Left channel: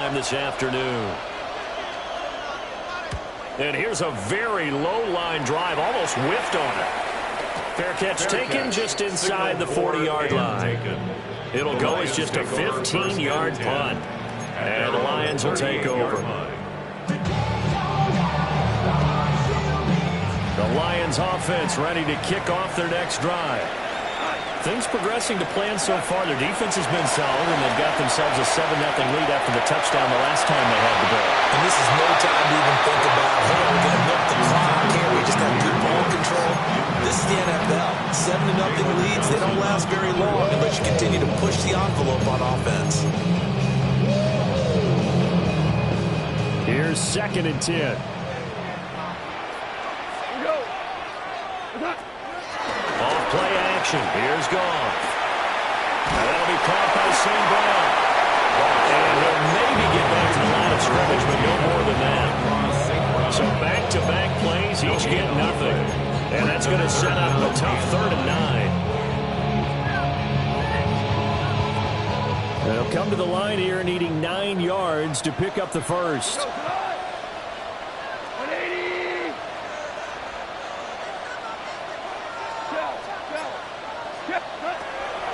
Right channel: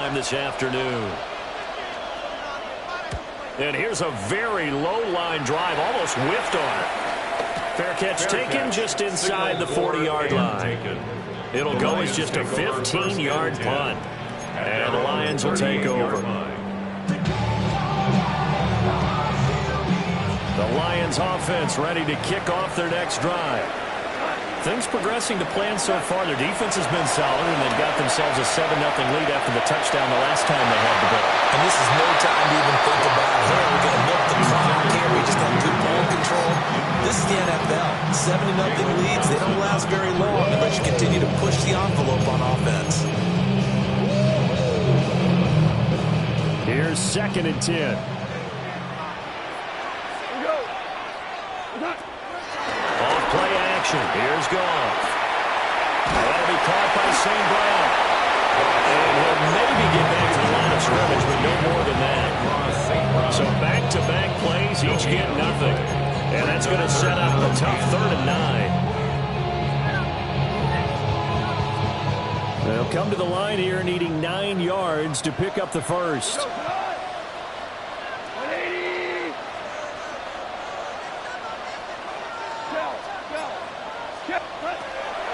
This afternoon. And here's a very low line drive, almost whiffed on it. Fair catch taken just inside the 40-yard line. It'll go as just a 15-yard punt. And the Lions will take over. The Lions offense ready to kick off their next drive. Things progressing to plan so far. Their defense has been solid, and they've got themselves a 7-0 lead after the touchdown the last time they had the ball. And this is no time to even think about, hey, we're going to milk the clock here. We just have good ball control. This is the NFL. 7-0 leads, they don't last very long unless you continue to push the envelope on offense. Here's 2nd and 10. Off play action. Here's Goff. That'll be caught by St. Brown. And he'll maybe get back to the line of scrimmage, but no more than that. So back-to-back plays, each get nothing. And that's going to set up a tough 3rd and 9. They'll come to the line here needing 9 yards to pick up the first.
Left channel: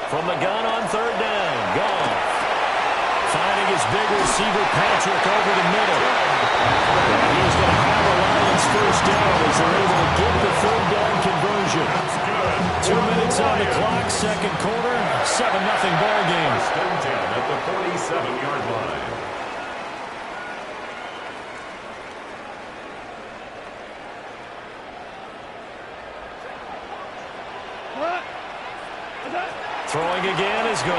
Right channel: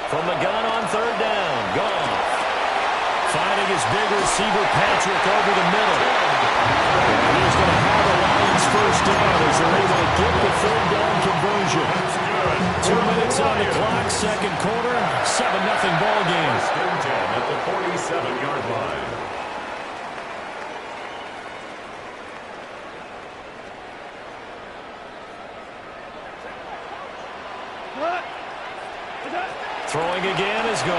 From the gun on 3rd down, Goff. Finding his big receiver, Patrick, over the middle. And he's going to have a Lions first down as they're able to get the 3rd down conversion. 2 minutes on the clock, 2nd quarter, 7-0 ball game. 1st and 10 at the 47-yard line. Throwing again is Goff.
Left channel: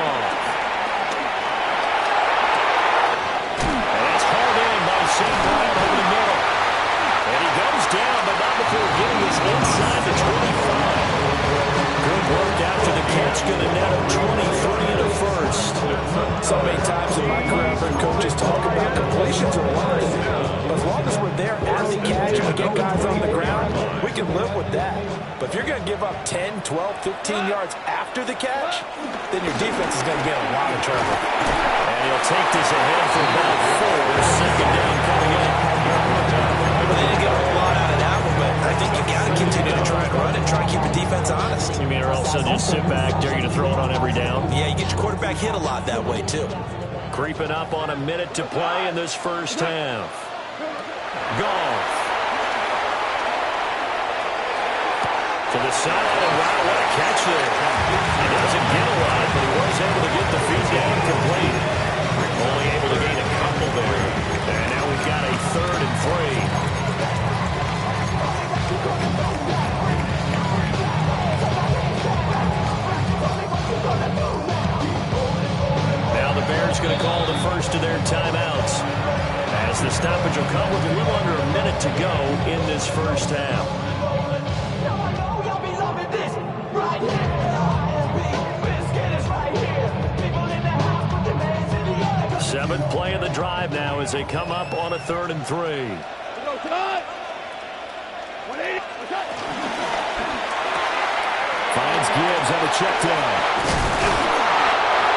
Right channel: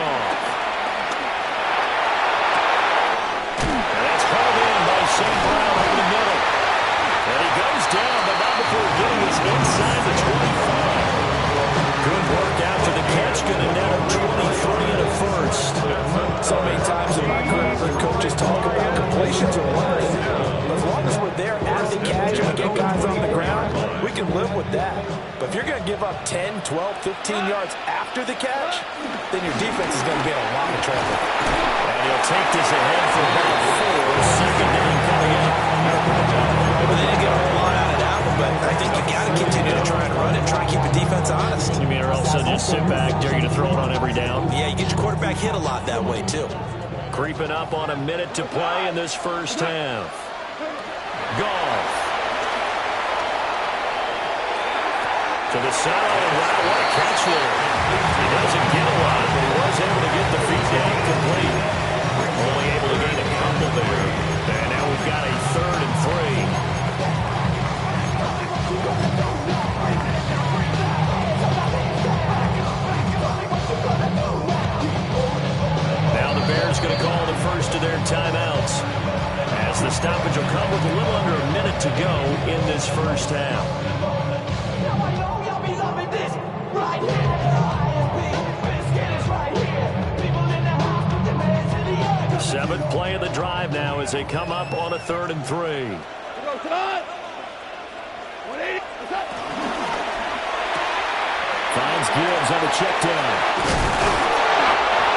And that's hauled in by St. Brown over the middle. And he goes down, but not before getting us inside the 25. Good work after the catch, going to net him 23 and a first. So many times in my career, I've heard coaches talk about completions are wonderful. But as long as we're there at the catch and we get guys on the ground, we can live with that. But if you're going to give up 10, 12, 15 yards after the catch, then your defense is going to be in a lot of trouble. And he'll take this ahead for about 4. 2nd down coming up. Well, they didn't get a whole lot out of that one, but I think you got to continue to try and run it, try and keep the defense honest. You mean, or else they'll just sit back, dare you to throw it on every down? Yeah, you get your quarterback hit a lot that way, too. Creeping up on a minute to play in this first half. Goff. To the sideline, and wow, what a catch there. He doesn't get a lot, but he was able to get the feet down complete. Only able to gain a couple there. And now we've got a 3rd and 3. Now the Bears going to call the first of their timeouts, as the stoppage will come with a little under a minute to go in this first half. 7th play of the drive now as they come up on a 3rd and 3. Finds Gibbs on a check down.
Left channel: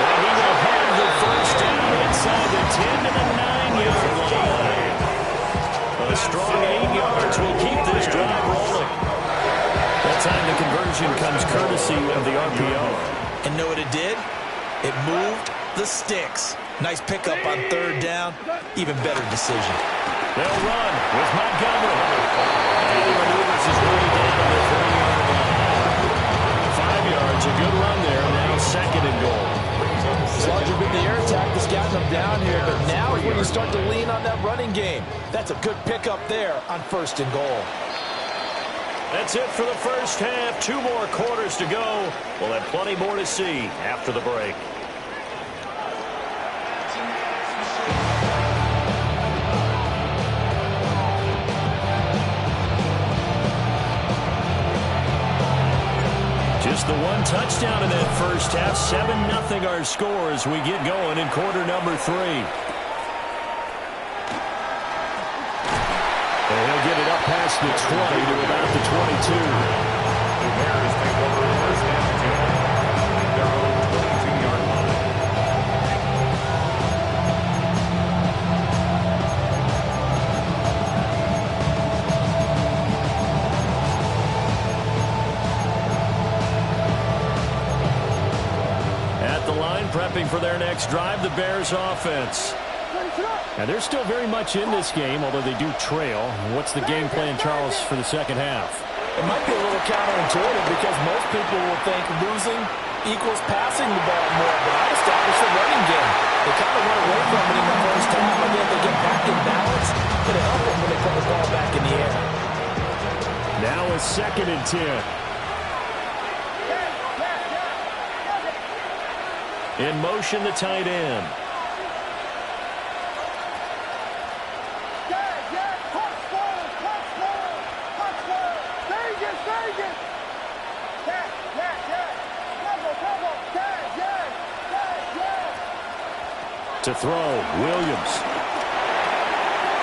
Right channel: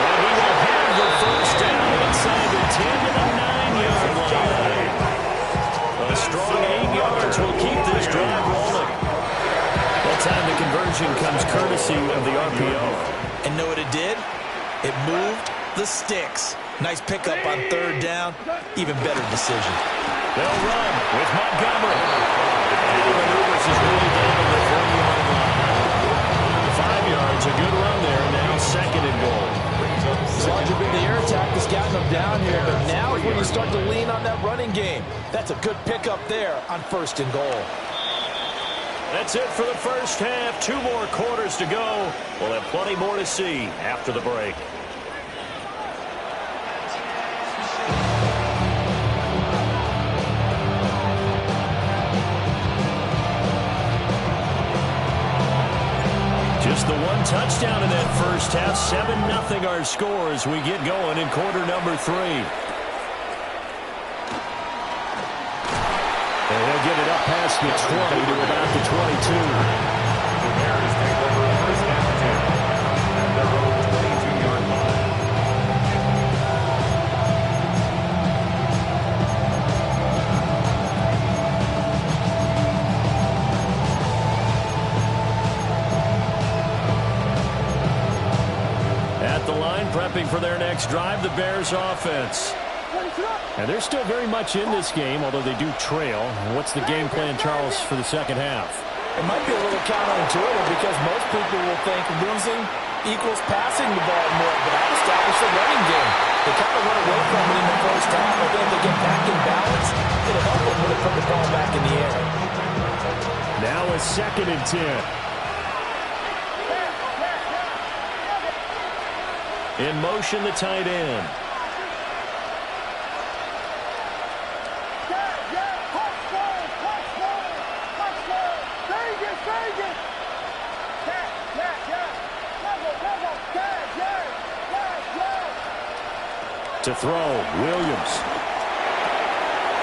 And he will have the first down inside the 10 to the 9-yard line. A strong 8 yards will keep this drive rolling. That time the conversion comes courtesy of the RPO. And know what it did? It moved the sticks. Nice pickup on 3rd down. Even better decision. They'll run with Montgomery. And he maneuvers his way down to the 3-yard line. 5 yards, a good run there. Now 2nd and goal. As long as you've been the air attack that's gotten them down here. But now is when you start to lean on that running game. That's a good pickup there on 1st and goal. That's it for the first half. 2 more quarters to go. We'll have plenty more to see after the break. Just the one touchdown in that first half. 7-0 our score as we get going in quarter number 3. And he'll get it up past the 20 to about the 22. The Bears take over 1st and 10 at their own 22-yard line. prepping for their next drive, the Bears offense. And they're still very much in this game, although they do trail. What's the game plan, Charles, for the second half? It might be a little counterintuitive because most people will think losing equals passing the ball more, but I'd establish the running game. They kind of went away from it in the first half. I think if they get back in balance, it'll help them when they put the ball back in the air. Now a 2nd and 10. In motion, the tight end. To throw, Williams.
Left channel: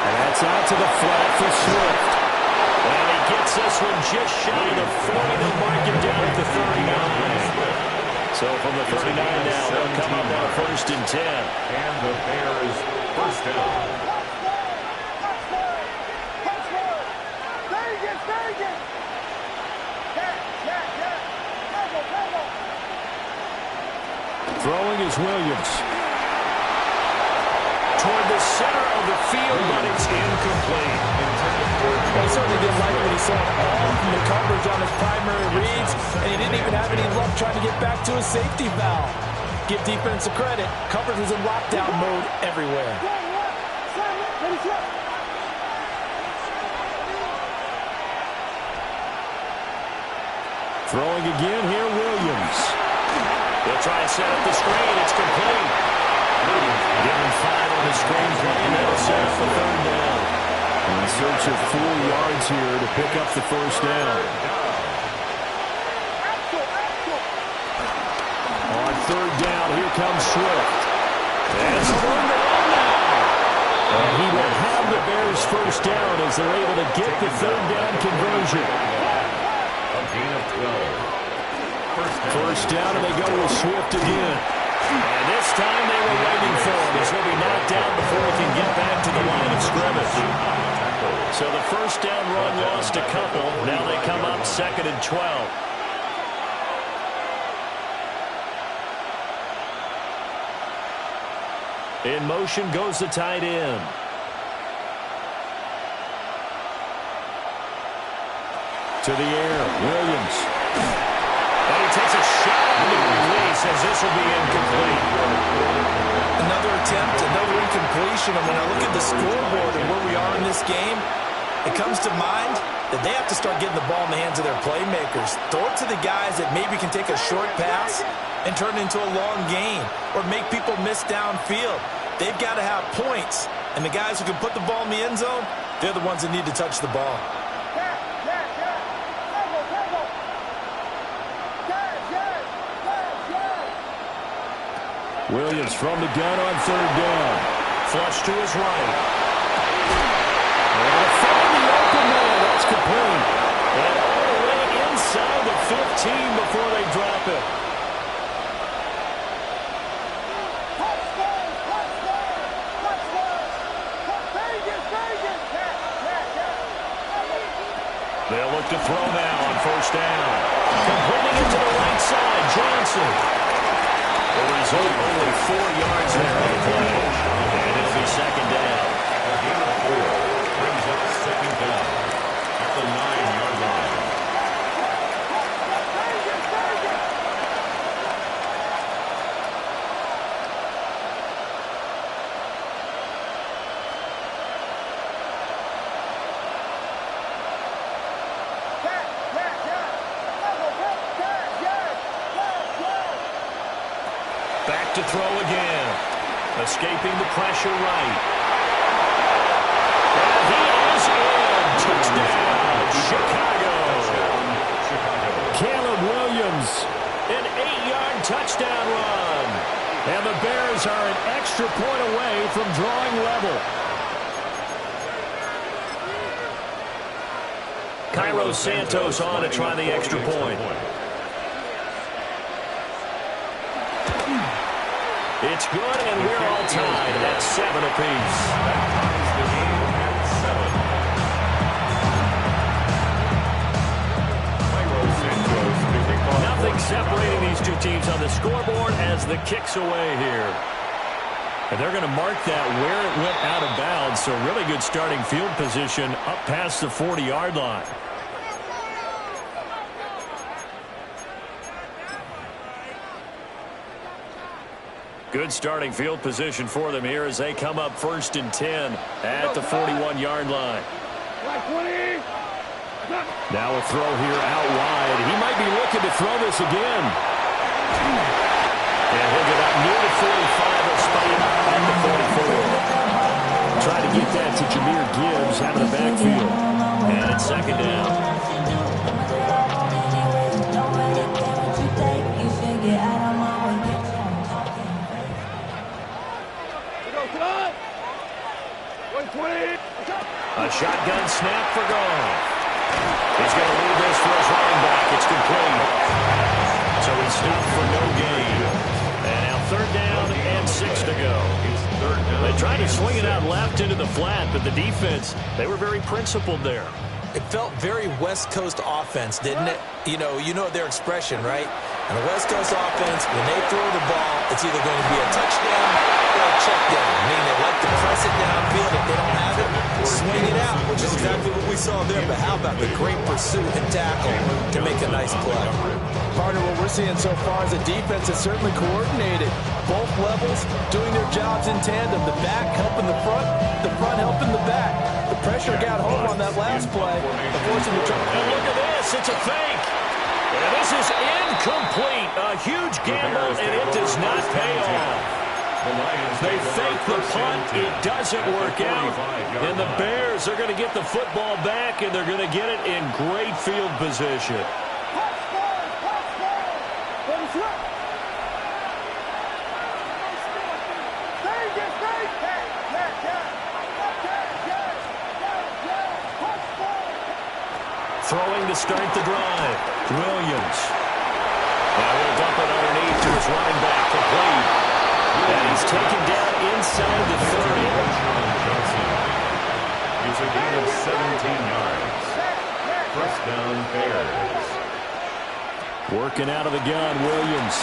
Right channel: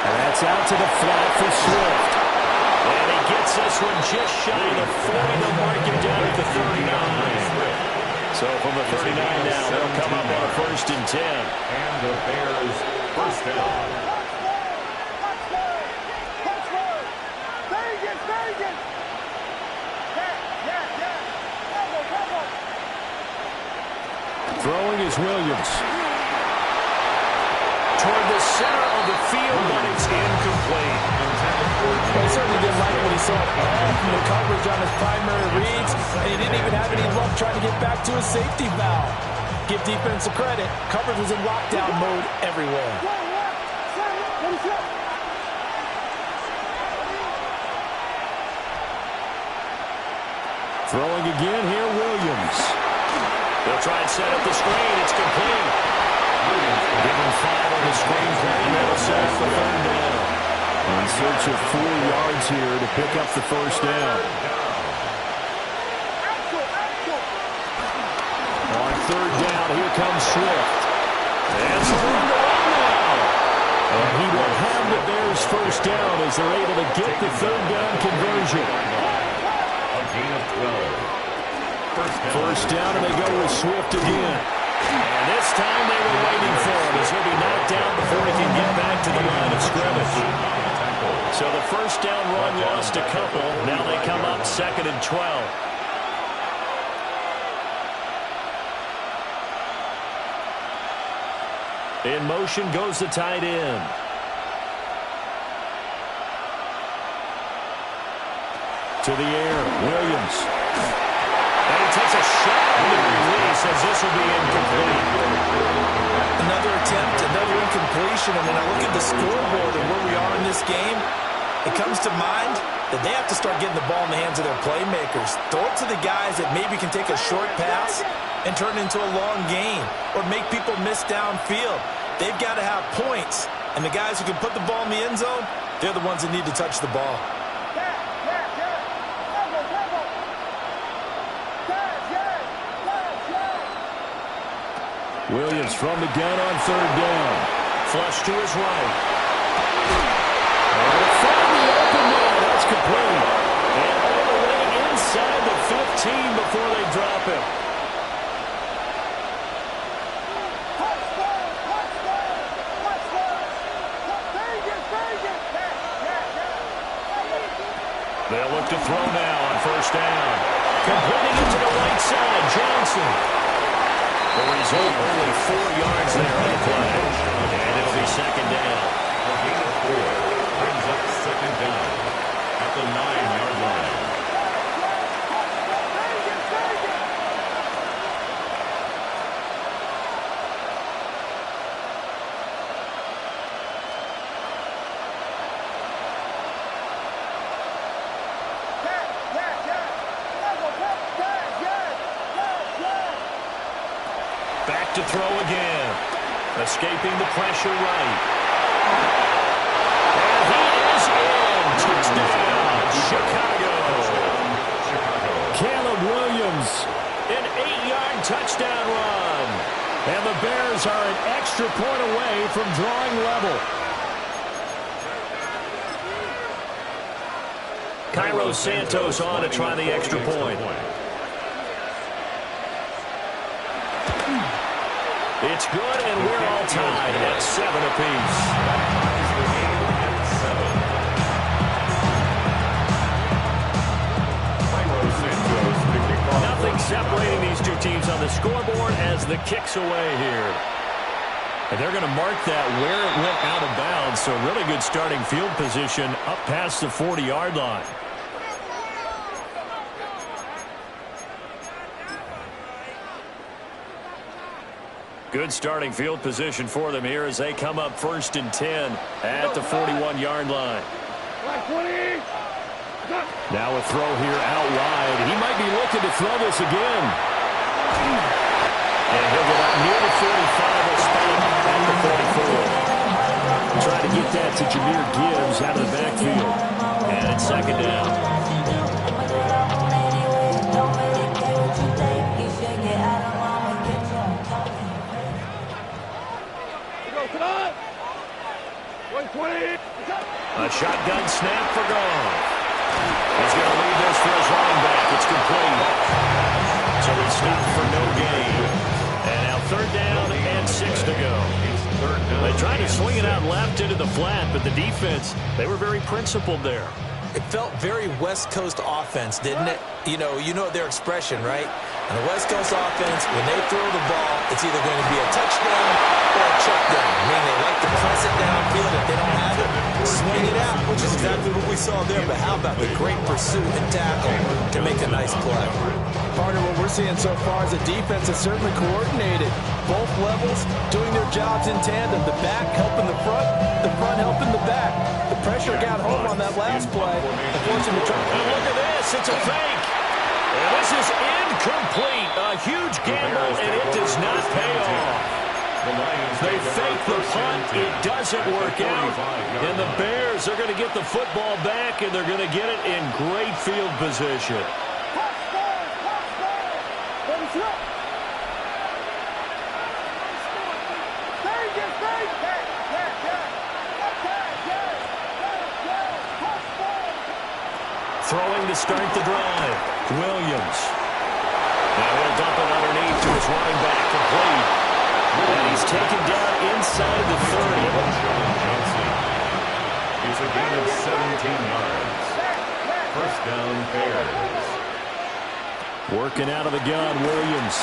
And that's out to the flat for Swift. And he gets this one just shy of the 40. They'll mark him down at the 39. So from the 39 now, they'll come up on a 1st and 10. And the Bears first down. Throwing is Williams. Toward the center of the field, but it's incomplete. He certainly didn't like what he saw at all from the coverage on his primary reads, and he didn't even have any luck trying to get back to his safety valve. Give defense a credit. Coverage was in lockdown mode everywhere. Throwing again here, Williams. They'll try and set up the screen. It's complete. Give him 5 on the screen play, and that'll set up the 3rd down. In search of 4 yards here to pick up the 1st down. On 3rd down, here comes Swift. And some room to run now. And he will have the Bears' 1st down as they're able to get the 3rd down conversion. A gain of 12. First down, and they go with Swift again. And this time they were waiting for him as he'll be knocked down before he can get back to the line of scrimmage. So the 1st down run lost a couple. Now they come up 2nd and 12. In motion goes the tight end. To the air, Williams. And he takes a shot on the release as this will be incomplete. Another attempt, another incompletion. And when I look at the scoreboard and where we are in this game, it comes to mind that they have to start getting the ball in the hands of their playmakers. Throw it to the guys that maybe can take a short pass and turn it into a long gain or make people miss downfield. They've got to have points. And the guys who can put the ball in the end zone, they're the ones that need to touch the ball. Williams from the gun on 3rd down. Flush to his right. And to find the open man. That's complete. And all the way inside the 15 before they drop him. They'll look to throw now on 1st down. Completing it to the right side, Johnson. The result, only 4 yards there on the play. And it'll be 2nd down. A gain of 4 brings up 2nd down at the 9-yard line. Back to throw again. Escaping the pressure right. And he is in. Touchdown, Chicago. Caleb Williams, an 8-yard touchdown run. And the Bears are an extra point away from drawing level. Cairo Santos on to try the extra point. It's good, and we're all tied at 7 apiece. That ties the game at 7. Cairo Santos picking Nothing separating these two teams on the scoreboard as the kick's away here. And they're going to mark that where it went out of bounds, so really good starting field position up past the 40-yard line. Good starting field position for them here as they come up 1st and 10 at the 41-yard line. Now a throw here out wide. He might be looking to throw this again. And he'll get up near the 45, a spot at the 44. Try to get that to Jahmyr Gibbs out of the backfield. And it's 2nd down. A shotgun snap for Goff. He's going to leave this for his running back. It's complete. So he stopped for no gain. And now 3rd down and 6 to go. They tried to swing it out left into the flat, but the defense, they were very principled there. It felt very West Coast offense, didn't it? You know their expression, right? And the West Coast offense, when they throw the ball, it's either going to be a touchdown or a check down. Meaning they like to press it downfield. If they don't have it, swing it out, which is exactly what we saw there. But how about the great pursuit and tackle to make a nice play? Partner, what we're seeing so far is a defense that's certainly coordinated. Both levels doing their jobs in tandem. The back helping the front helping the back. The pressure got home on that last play and forced him to try. And look at this. It's a fake. And this is incomplete. A huge gamble, and it does not pay off. They fake the punt. It doesn't work out. And the Bears are going to get the football back, and they're going to get it in great field position. Throwing to start the drive. Williams. Now he'll dump it underneath to his running back. Complete. And he's taken down inside the 30. Johnson. It's a gain of 17 yards. 1st down, Bears. Working out of the gun, Williams.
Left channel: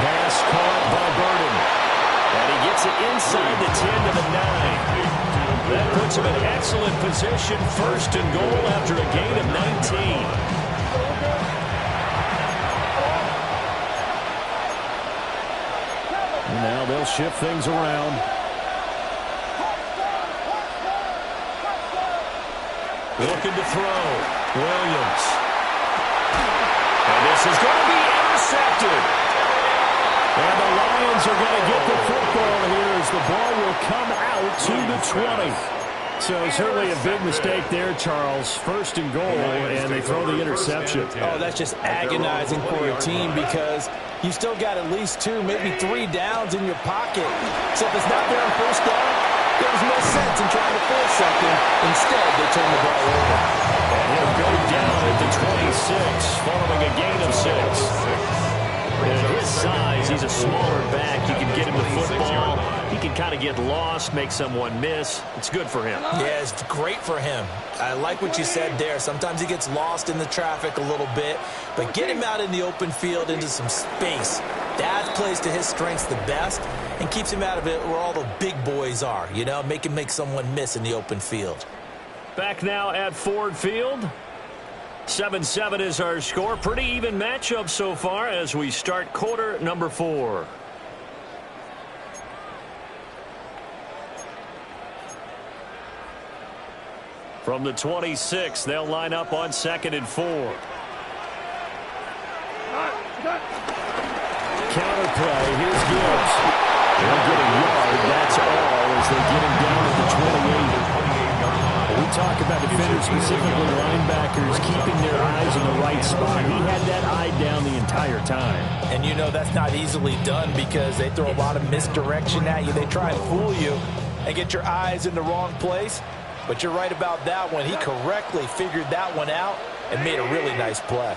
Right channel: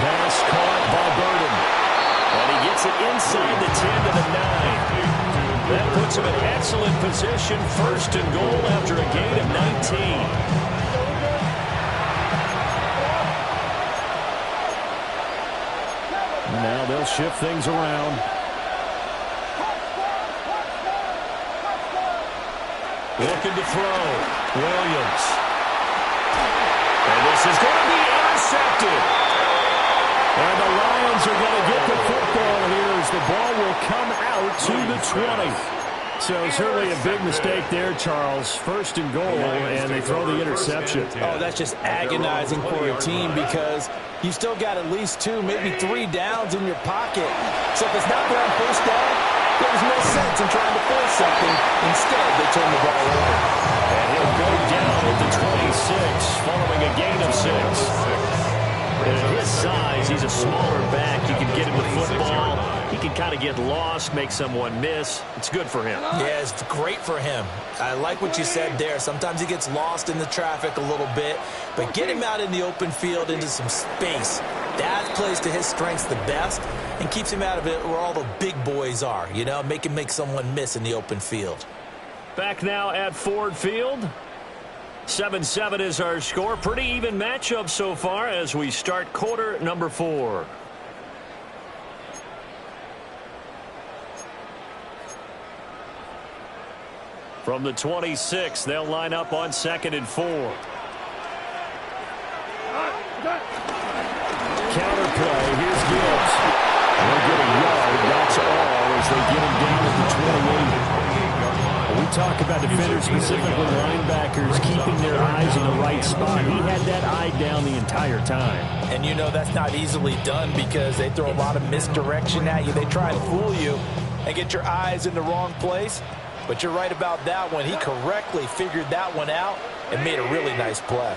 Pass caught by Burden. And he gets it inside the 10 to the 9. That puts him in excellent position, 1st and goal after a gain of 19. Now they'll shift things around. Looking to throw. Williams. And this is going to be intercepted. And the Lions are going to get the football here as the ball will come out to the 20. So certainly a big mistake there, Charles. 1st and goal, and they throw the interception. Oh, that's just agonizing for a team because you still got at least 2, maybe 3 downs in your pocket. So if it's not there on 1st down, there's no sense in trying to force something. Instead, they turn the ball over. And he'll go down at the 26, following a gain of 6. And at his size, he's a smaller back. You can get him the football. He can kind of get lost, make someone miss. It's good for him. Yeah, it's great for him. I like what you said there. Sometimes he gets lost in the traffic a little bit. But get him out in the open field into some space. That plays to his strengths the best and keeps him out of it where all the big boys are. You know, make him make someone miss in the open field. Back now at Ford Field. 7-7 is our score. Pretty even matchup so far as we start quarter number 4. From the 26, they'll line up on 2nd and 4. Counter play. Here's Gibbs. They'll get a yard. That's all as they get him down at the 28. We talk about defenders, specifically linebackers, keeping their eyes in the right spot. He had that eye down the entire time. And you know that's not easily done because they throw a lot of misdirection at you. They try and fool you and get your eyes in the wrong place. But you're right about that one. He correctly figured that one out and made a really nice play.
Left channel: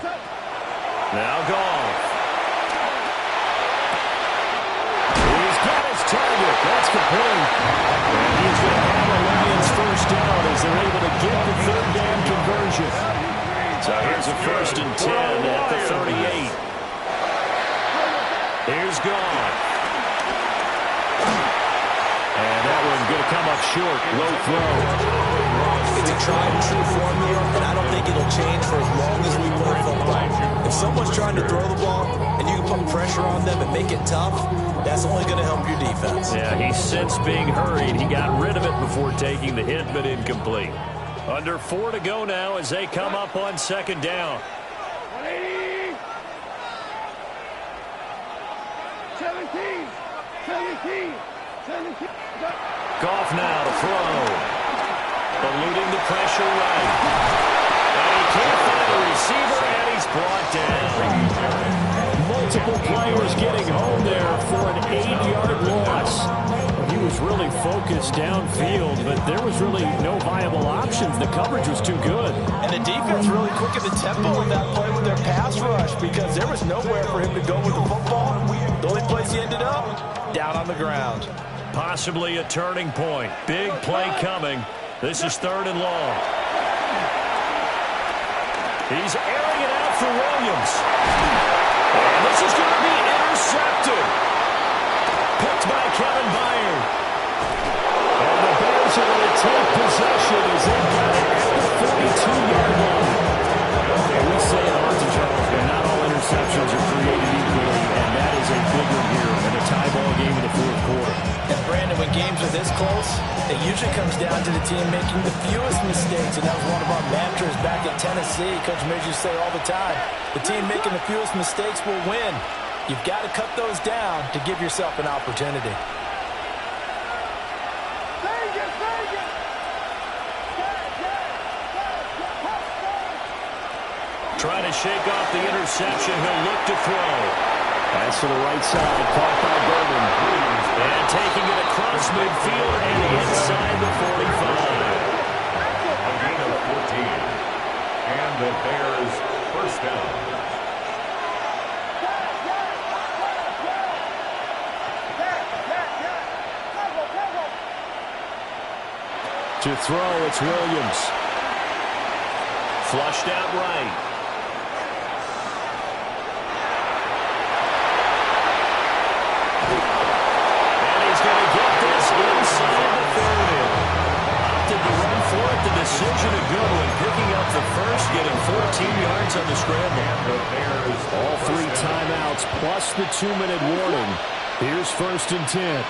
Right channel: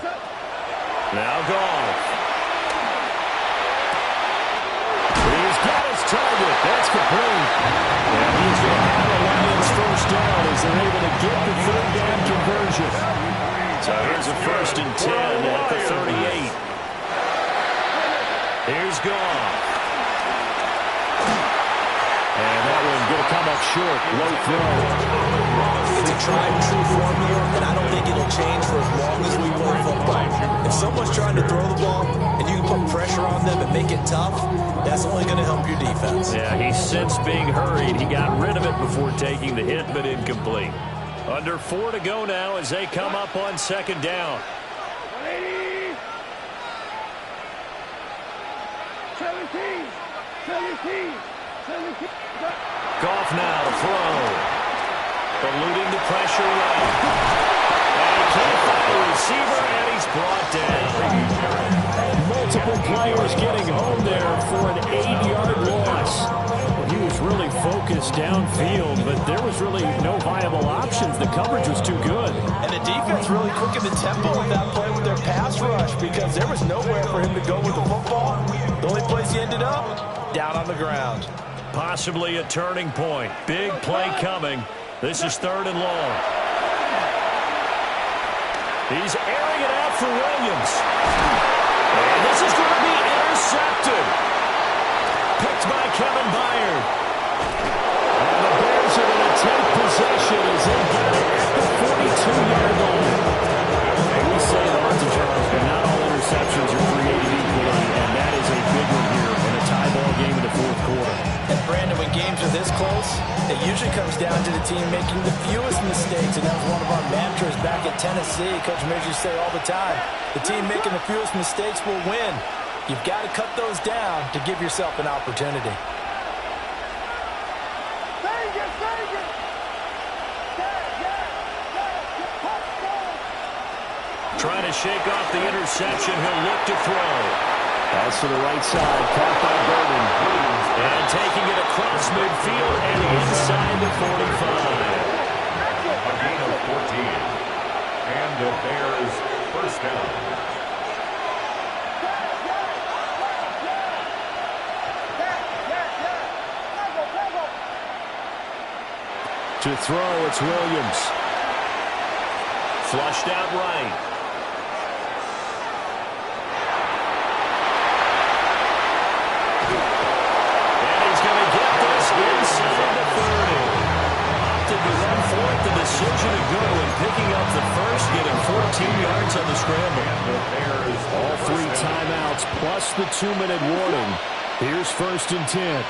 Now Goff. He's got his target. That's complete. And he's going to have a Lions 1st down as they're able to get the 3rd down conversion. So here's a 1st and 10 at the 38. Here's Goff. And that one going to come up short. Low throw. It's a tried-and-true formula, and I don't think it'll change for as long as we play football. If someone's trying to throw the ball and you can put pressure on them and make it tough, that's only going to help your defense. Yeah, he's since being hurried. He got rid of it before taking the hit, but incomplete. Under 4 to go now as they come up on 2nd down. 180. 17. Goff now to throw. Eluding the pressure right. And he can't find a receiver, and he's brought down. Multiple players getting home there for an 8-yard loss. Well, he was really focused downfield, but there was really no viable options. The coverage was too good. And the defense really quickened the tempo of that play with their pass rush because there was nowhere for him to go with the football. The only place he ended up, down on the ground. Possibly a turning point. Big play coming. This is 3rd and long. He's airing it out for Williams. And this is going to be intercepted. Picked by Kevin Byard. And the Bears are going to take possession as they got it at the 42-yard line. And we say it often, Charles, but not all interceptions are created equally, and that is a big one here in a tie ball game in the 4th quarter. And Brandon, when games are this close, it usually comes down to the team making the fewest mistakes, and that was one of our mantras back at Tennessee. Coach Mears used to say all the time, the team making the fewest mistakes will win. You've got to cut those down to give yourself an opportunity. Trying to shake off the interception. He'll look to throw. Pass to the right side. Caught by Burden. And taking it across midfield and inside the 45. A gain of 14. And the Bears first down. To throw, it's Williams. Flushed out right. Going to get this inside the 30. Opted to run for it. The decision a good one. Picking up the first, getting 14 yards on the scramble. All 3 timeouts plus the 2-minute warning. Here's 1st and 10.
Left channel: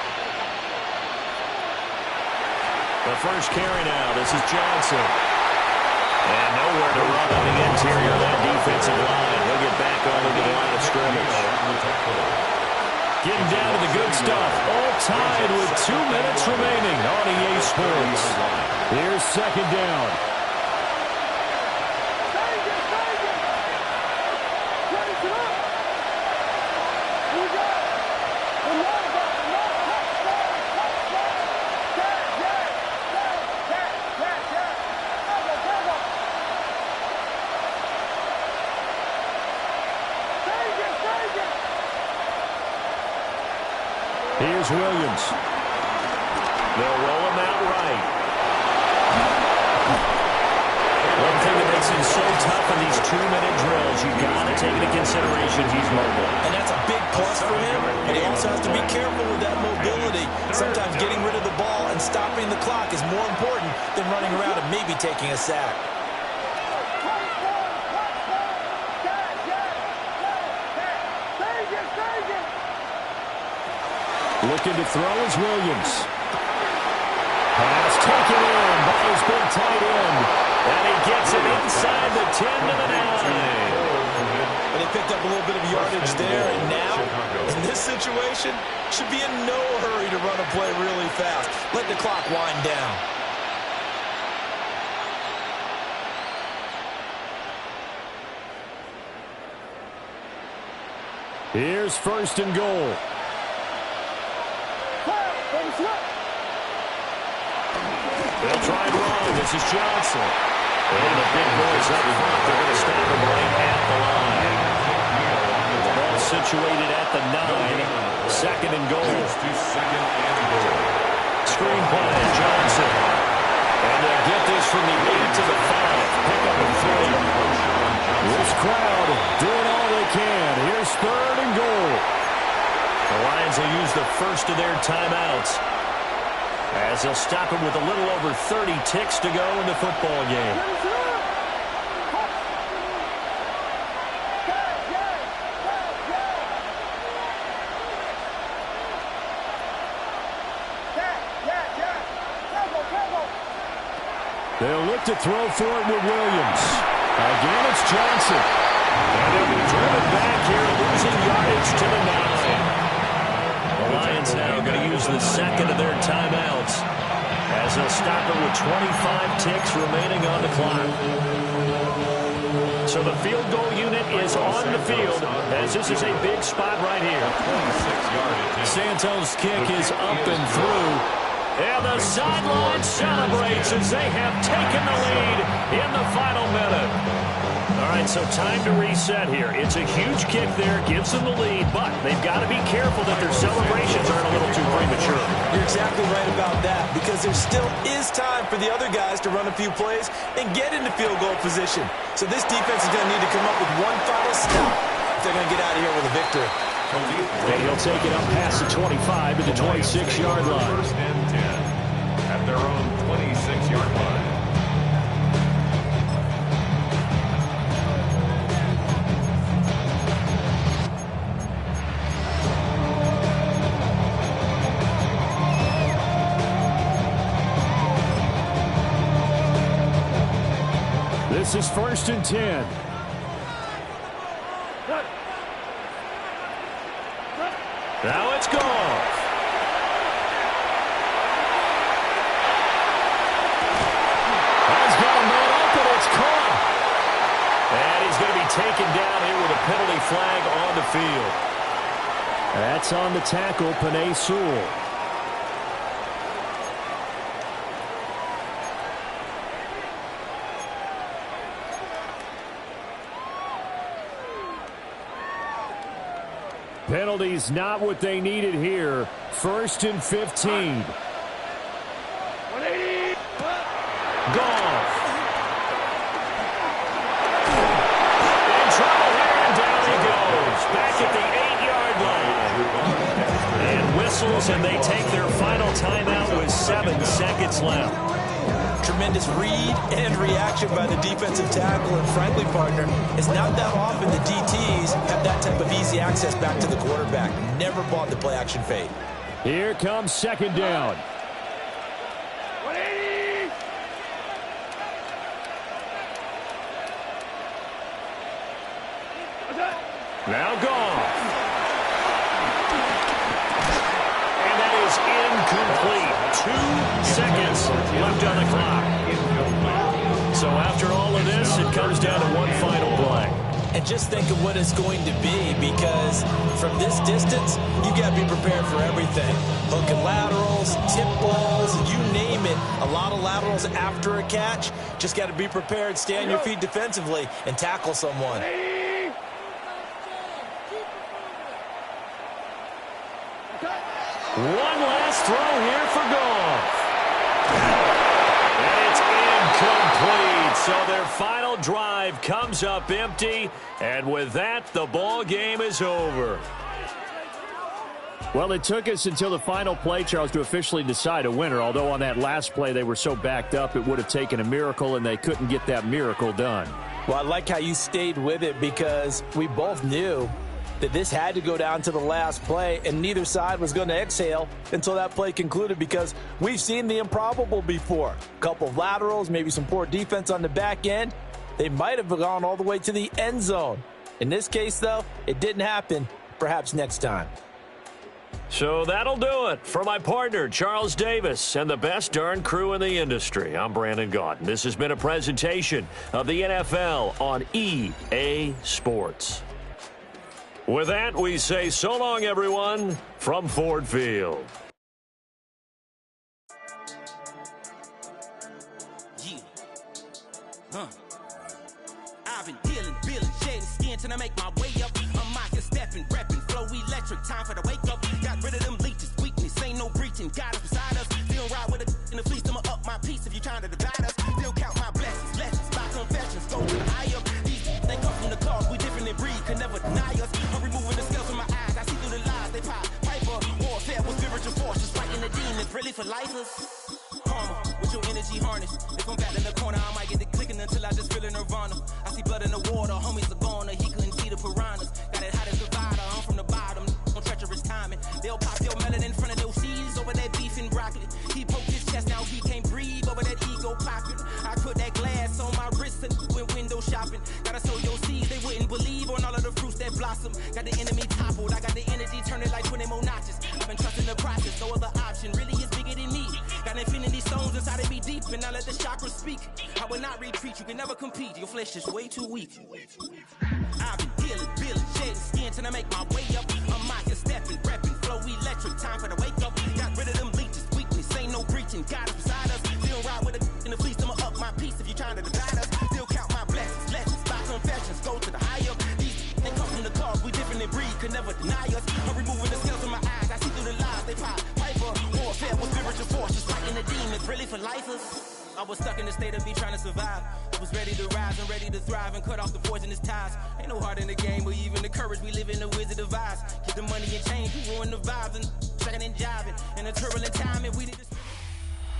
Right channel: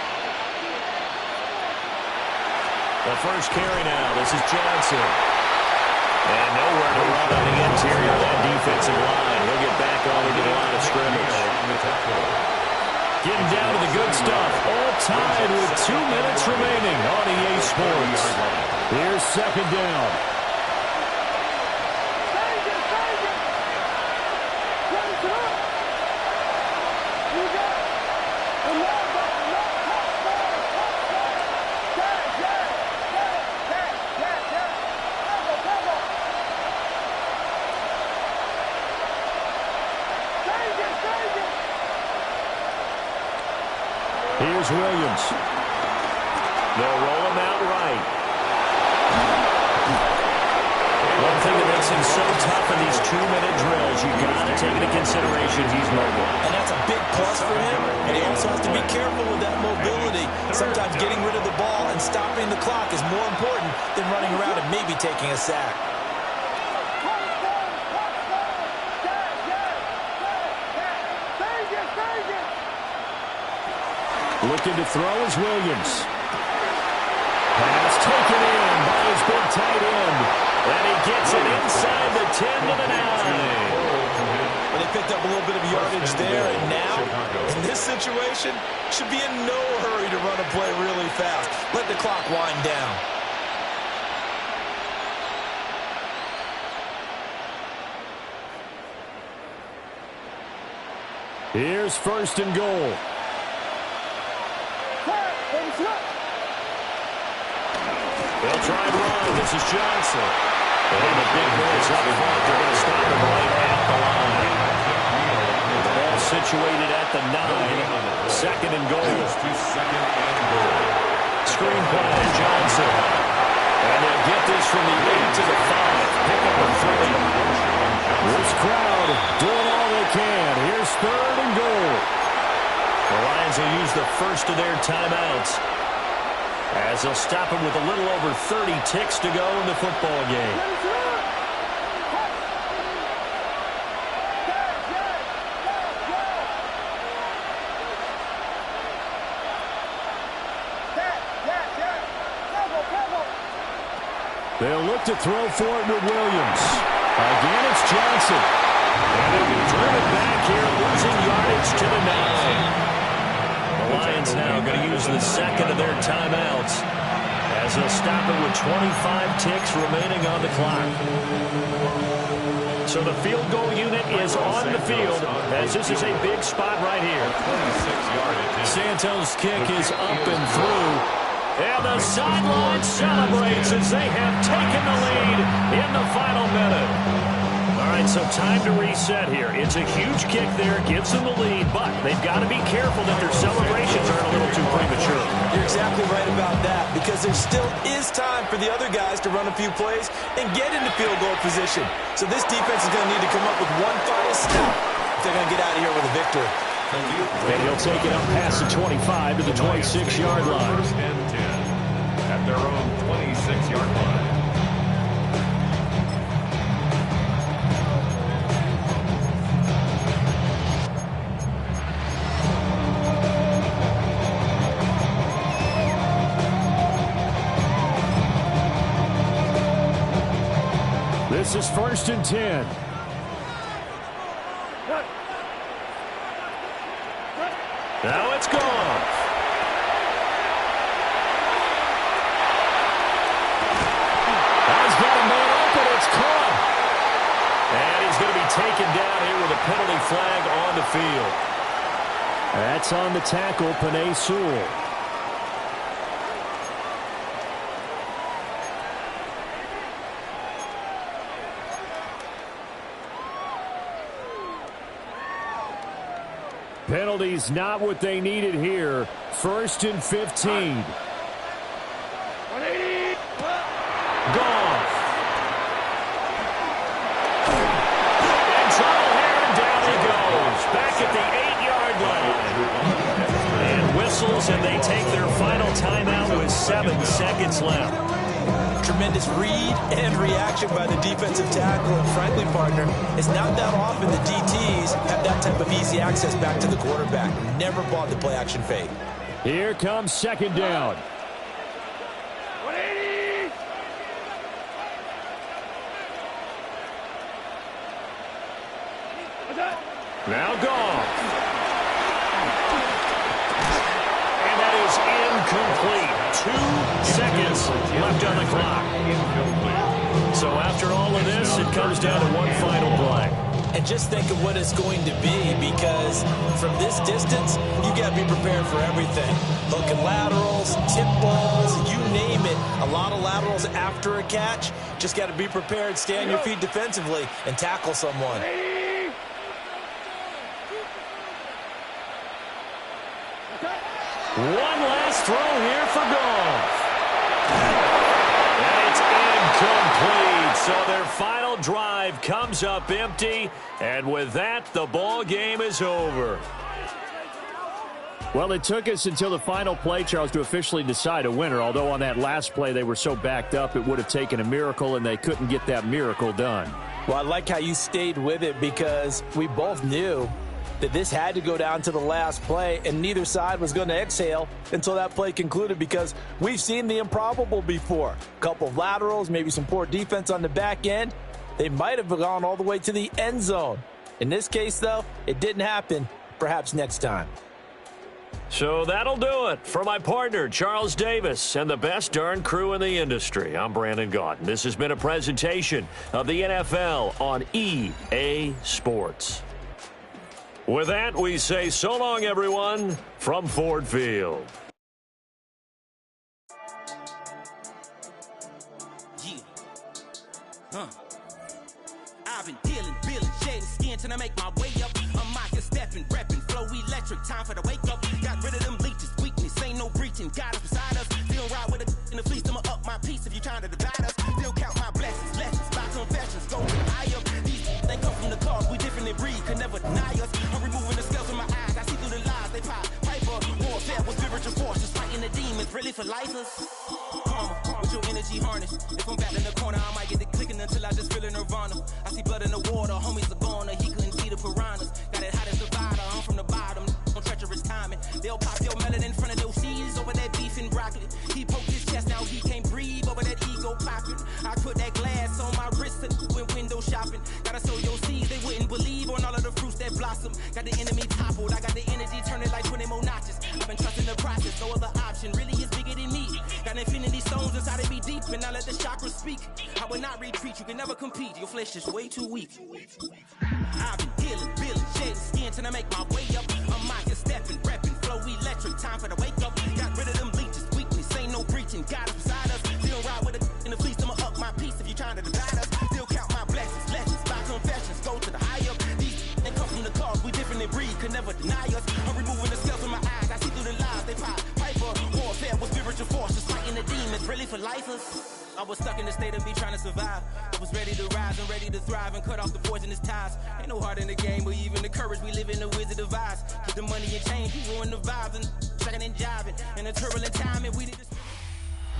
The first carry now. This is Johnson. And nowhere to run on the interior of that defensive line. He'll get back onto the line of scrimmage. Getting down to the good stuff. All tied with 2 minutes remaining on EA Sports. Here's 2nd down. Here's Williams. They'll roll him out right. One thing that makes him so tough in these 2-minute drills, you got to take into consideration he's mobile. And that's a big plus for him, and he also has to be careful with that mobility. Sometimes getting rid of the ball and stopping the clock is more important than running around and maybe taking a sack. Looking to throw is Williams. Pass taken in by his big tight end. And he gets it inside the 10 to the 9. But they picked up a little bit of yardage there, and now, in this situation, should be in no hurry to run a play really fast. Let the clock wind down. Here's 1st and goal. They'll try and run. This is Johnson. And the big boys up front. They're going to stop him right at the line. The ball situated at the 9. 2nd and goal. To 2nd and goal. Screen play. Johnson. And they'll get this from the 8 to the 5. Pick up a 3. This crowd doing all they can. Here's 3rd and goal. The Lions will use the first of their timeouts as they'll stop him with a little over 30 ticks to go in the football game. They'll look to throw for it with Williams. Again, it's Johnson. And they'll be driven back here, losing yardage to the 9. The Lions now going to use the second of their timeouts as they'll stop it with 25 ticks remaining on the clock. So the field goal unit is on the field as this is a big spot right here. 26-yard. Santos' kick is up and through. And the sideline celebrates as they have taken the lead in the final minute. All right, so time to reset here. It's a huge kick there, gives them the lead, but they've got to be careful that their celebrations aren't a little too premature. You're exactly right about that, because there still is time for the other guys to run a few plays and get into field goal position. So this defense is going to need to come up with one final stop if they're going to get out of here with a victory. And he'll take it up past the 25 to the 26-yard line. First and 10 at their own 26-yard line. This is 1st and 10. Now it's gone. Has got a man open. It's caught. And he's going to be taken down here with a penalty flag on the field. That's on the tackle, Penei Sewell. Penalties not what they needed here. 1st and 15. 180. Goff. In trouble here, and down he goes. Back at the 8-yard line. And whistles, and they take their final timeout with 7 seconds left. Tremendous read and reaction by the defensive tackle, and frankly, partner, it's not that often the DTs have that type of easy access back to the quarterback. Never bought the play-action fade. Here comes 2nd down. 180. Now Goff. And that is incomplete. 2 seconds left on the clock. So after all of this, it comes down to one final play. And just think of what it's going to be, because from this distance, you got to be prepared for everything. Hook and laterals, tip balls, you name it. A lot of laterals after a catch. Just got to be prepared, stay on your feet defensively, and tackle someone. One last throw here for Goff. And it's incomplete. So their final drive comes up empty. And with that, the ball game is over. Well, it took us until the final play, Charles, to officially decide a winner. Although on that last play they were so backed up, it would have taken a miracle, and they couldn't get that miracle done. Well, I like how you stayed with it, because we both knew that this had to go down to the last play, and neither side was going to exhale until that play concluded, because we've seen the improbable before. A couple of laterals, maybe some poor defense on the back end. They might have gone all the way to the end zone. In this case, though, it didn't happen. Perhaps next time. So that'll do it for my partner, Charles Davis, and the best darn crew in the industry. I'm Brandon Gaudin. This has been a presentation of the NFL on EA Sports. With that, we say so long, everyone, from Ford Field. Yeah. I've been dealing, shading skin till I make my way up. I'm out here stepping, repping, flow electric, time for the wake up. Got rid of them leeches, weakness, ain't no breaching. Got us beside us, still ride with a in the fleece, I'ma up my piece if you trying to divide us. Still count my blessings, lessons, by confessions, go higher. These they come from the cause, we different than breed, can never deny us. I'm removing the scales from my eyes, I see through the lies, they pop. Piper, warfare with spiritual force, just fighting the demons, really for lifers. Karma, with your energy harness. If I'm back in the corner, I might get it clicking until I just feel a nirvana. I see blood in the water, homies are gone, he couldn't see the piranhas. Got it hot as a Nevada, I'm from the bottom, on treacherous timing. They'll pop your melon in front of those seeds over that beef and broccoli. He poked his chest, now he can't breathe over that ego popping. I put that glass on my wrist and went window shopping. Gotta sow your seeds, they wouldn't believe on all of the fruits that blossom. Got the enemy toppled, I got the energy turning like 20 more notches. I've been trusting the process, no other option really is bigger than me. Got infinity stones inside of me deep, and I let the chakras speak. I will not retreat, you can never compete, your flesh is way too weak. I've been dealing, shedding skin till I make my way up. I'm mocking, stepping, repping, flow electric, time for the wake up. Got rid of them leeches, weakness, ain't no preaching, God is beside us. Still ride with a in the fleece, I'ma up my piece if you trying to divide us. Still count my blessings, lessons, by confessions, go to the higher. These ain't come from the cause, we different than breed, could never deny us. I'm removing the scales from my eyes, I see through the lies, they pop. Piper, warfare with spiritual force, just fighting the demons, really for lifers. I was stuck in the state of me trying to survive. I was ready to rise and ready to thrive and cut off the poisonous ties. Ain't no heart in the game, but even the courage we live in the wizard of Oz. Keep the money and change, we ruin the vibes and checking and jiving. In a turbulent time, and we need to...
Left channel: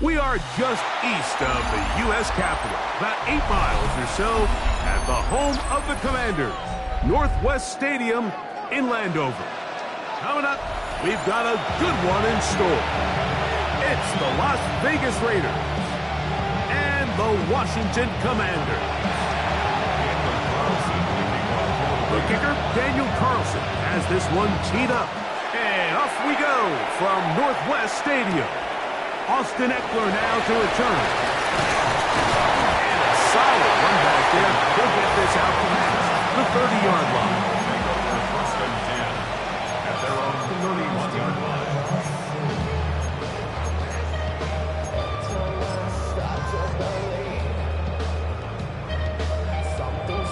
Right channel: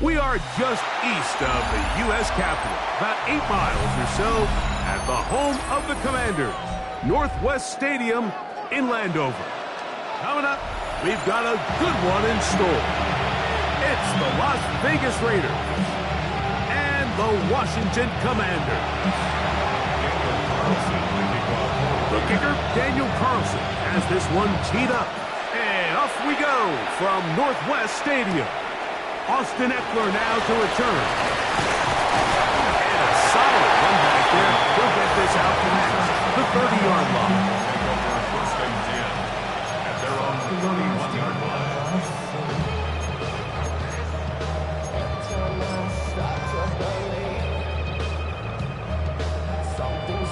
We are just east of the U.S. Capitol, about 8 miles or so, at the home of the Commanders, Northwest Stadium in Landover. Coming up, we've got a good one in store. It's the Las Vegas Raiders and the Washington Commanders. The kicker, Daniel Carlson, has this one teed up. And off we go from Northwest Stadium. Austin Eckler now to return. And a solid run back there. He'll get this out past the 30-yard line. Take over 1st and 10 at their own 31-yard line.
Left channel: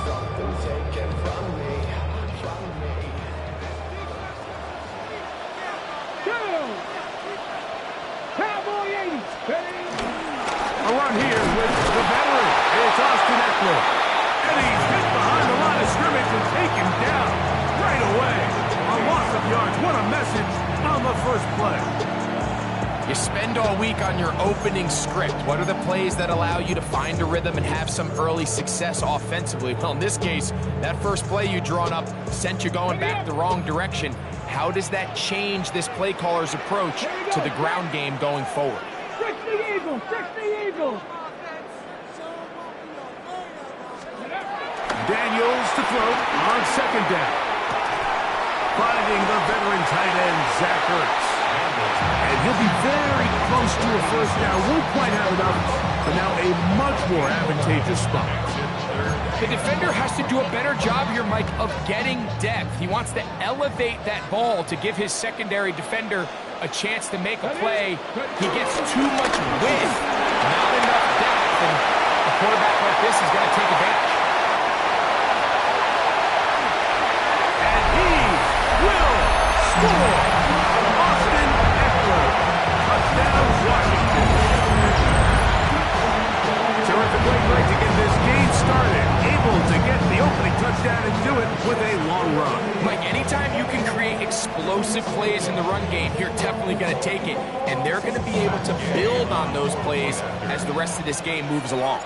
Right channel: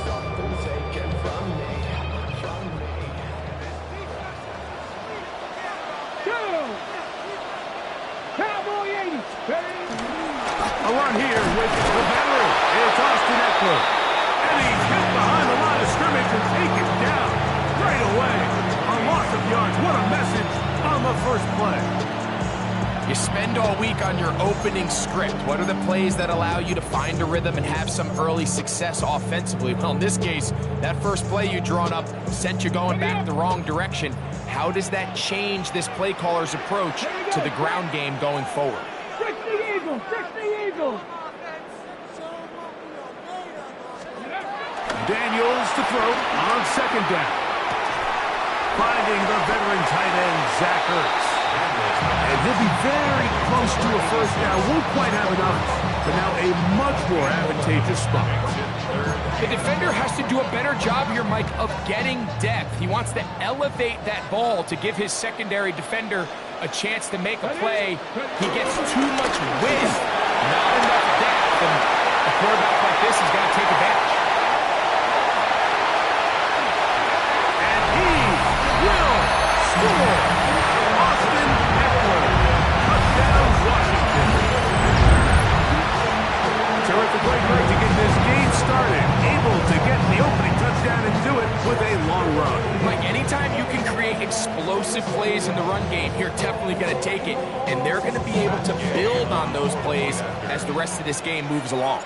Something taken from me. Cowboy 80. A run here with the veteran. It's Austin Eckler. And he's hit behind the line of scrimmage and taken down right away. A loss of yards. What a message on the first play. You spend all week on your opening script. What are the plays that allow you to find a rhythm and have some early success offensively? Well, in this case, that first play you drawn up sent you going back the wrong direction. How does that change this play caller's approach to the ground game going forward? Trick the Eagles! Trick the Eagles! Daniels to throw on 2nd down. Finding the veteran tight end, Zach Ertz. And he'll be very close to a first down. Won't quite have enough, but now a much more advantageous spot. The defender has to do a better job here, Mike, of getting depth. He wants to elevate that ball to give his secondary defender a chance to make a play. He gets too much width, not enough depth, and a quarterback like this is going to take advantage. And he will score. Austin Eckler. Touchdown, Washington. Terrific way to get this game started. Able to get the opening touchdown and do it with a long run. Mike, anytime you can create explosive plays in the run game, you're definitely going to take it. And they're going to be able to build on those plays as the rest of this game moves along.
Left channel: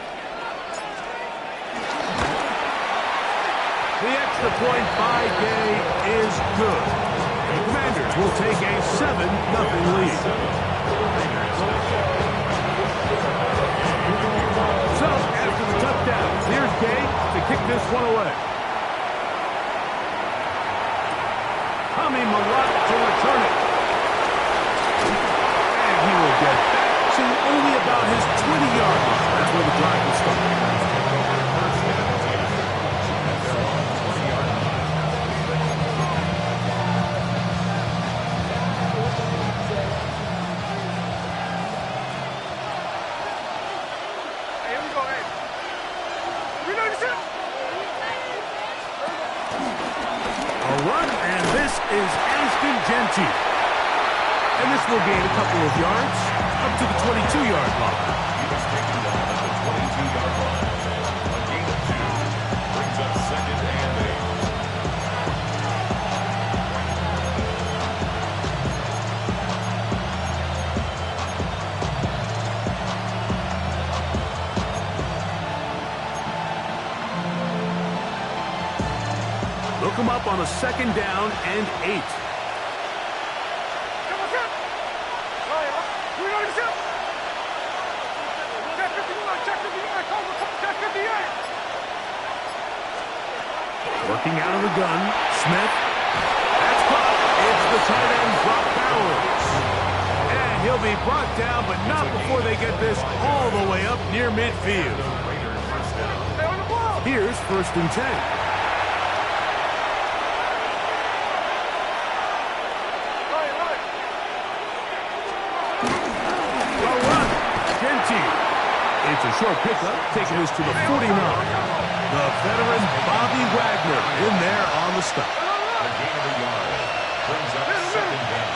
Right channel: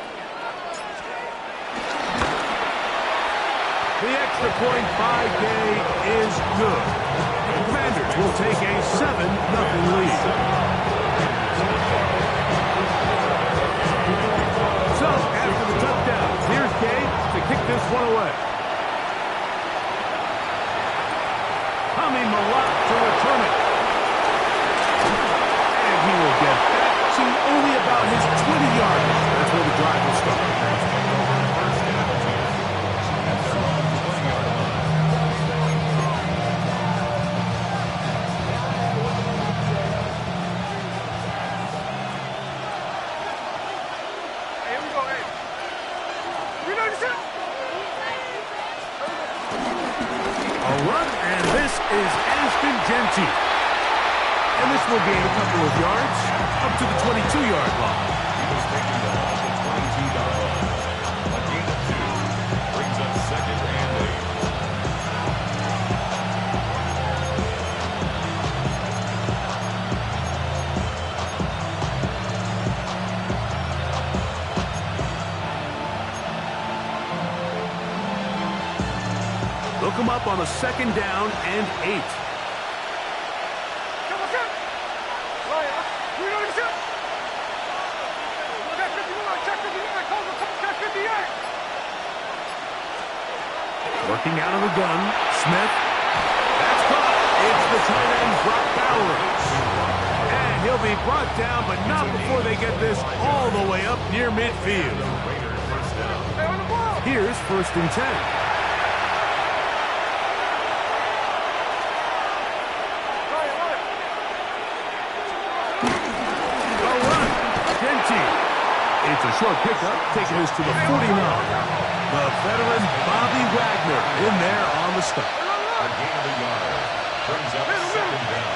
The extra point by Gay is good. The Commanders will take a 7-0 lead. So, after the touchdown, here's Gay to kick this one away. Hami Malak to return it. And he will get back to only about his 20-yard line. That's where the drive will start. Take over 1st and 10 at their own 20-yard line. A run, and this is Ashton Genty. and this will gain a couple of yards up to the 22-yard line. He was taken down at the 22-yard line. A gain of 2 brings up 2nd and 8. Look him up on a 2nd down and 8. Working out of the gun, Smith. That's caught. It's the tight end, Brock Bowers. And he'll be brought down, but not before they get this all the way up near midfield. Here's 1st and 10. It's a short pickup, taking us to the 49. The veteran Bobby Wagner in there on the stop. A gain of a yard brings up 2nd down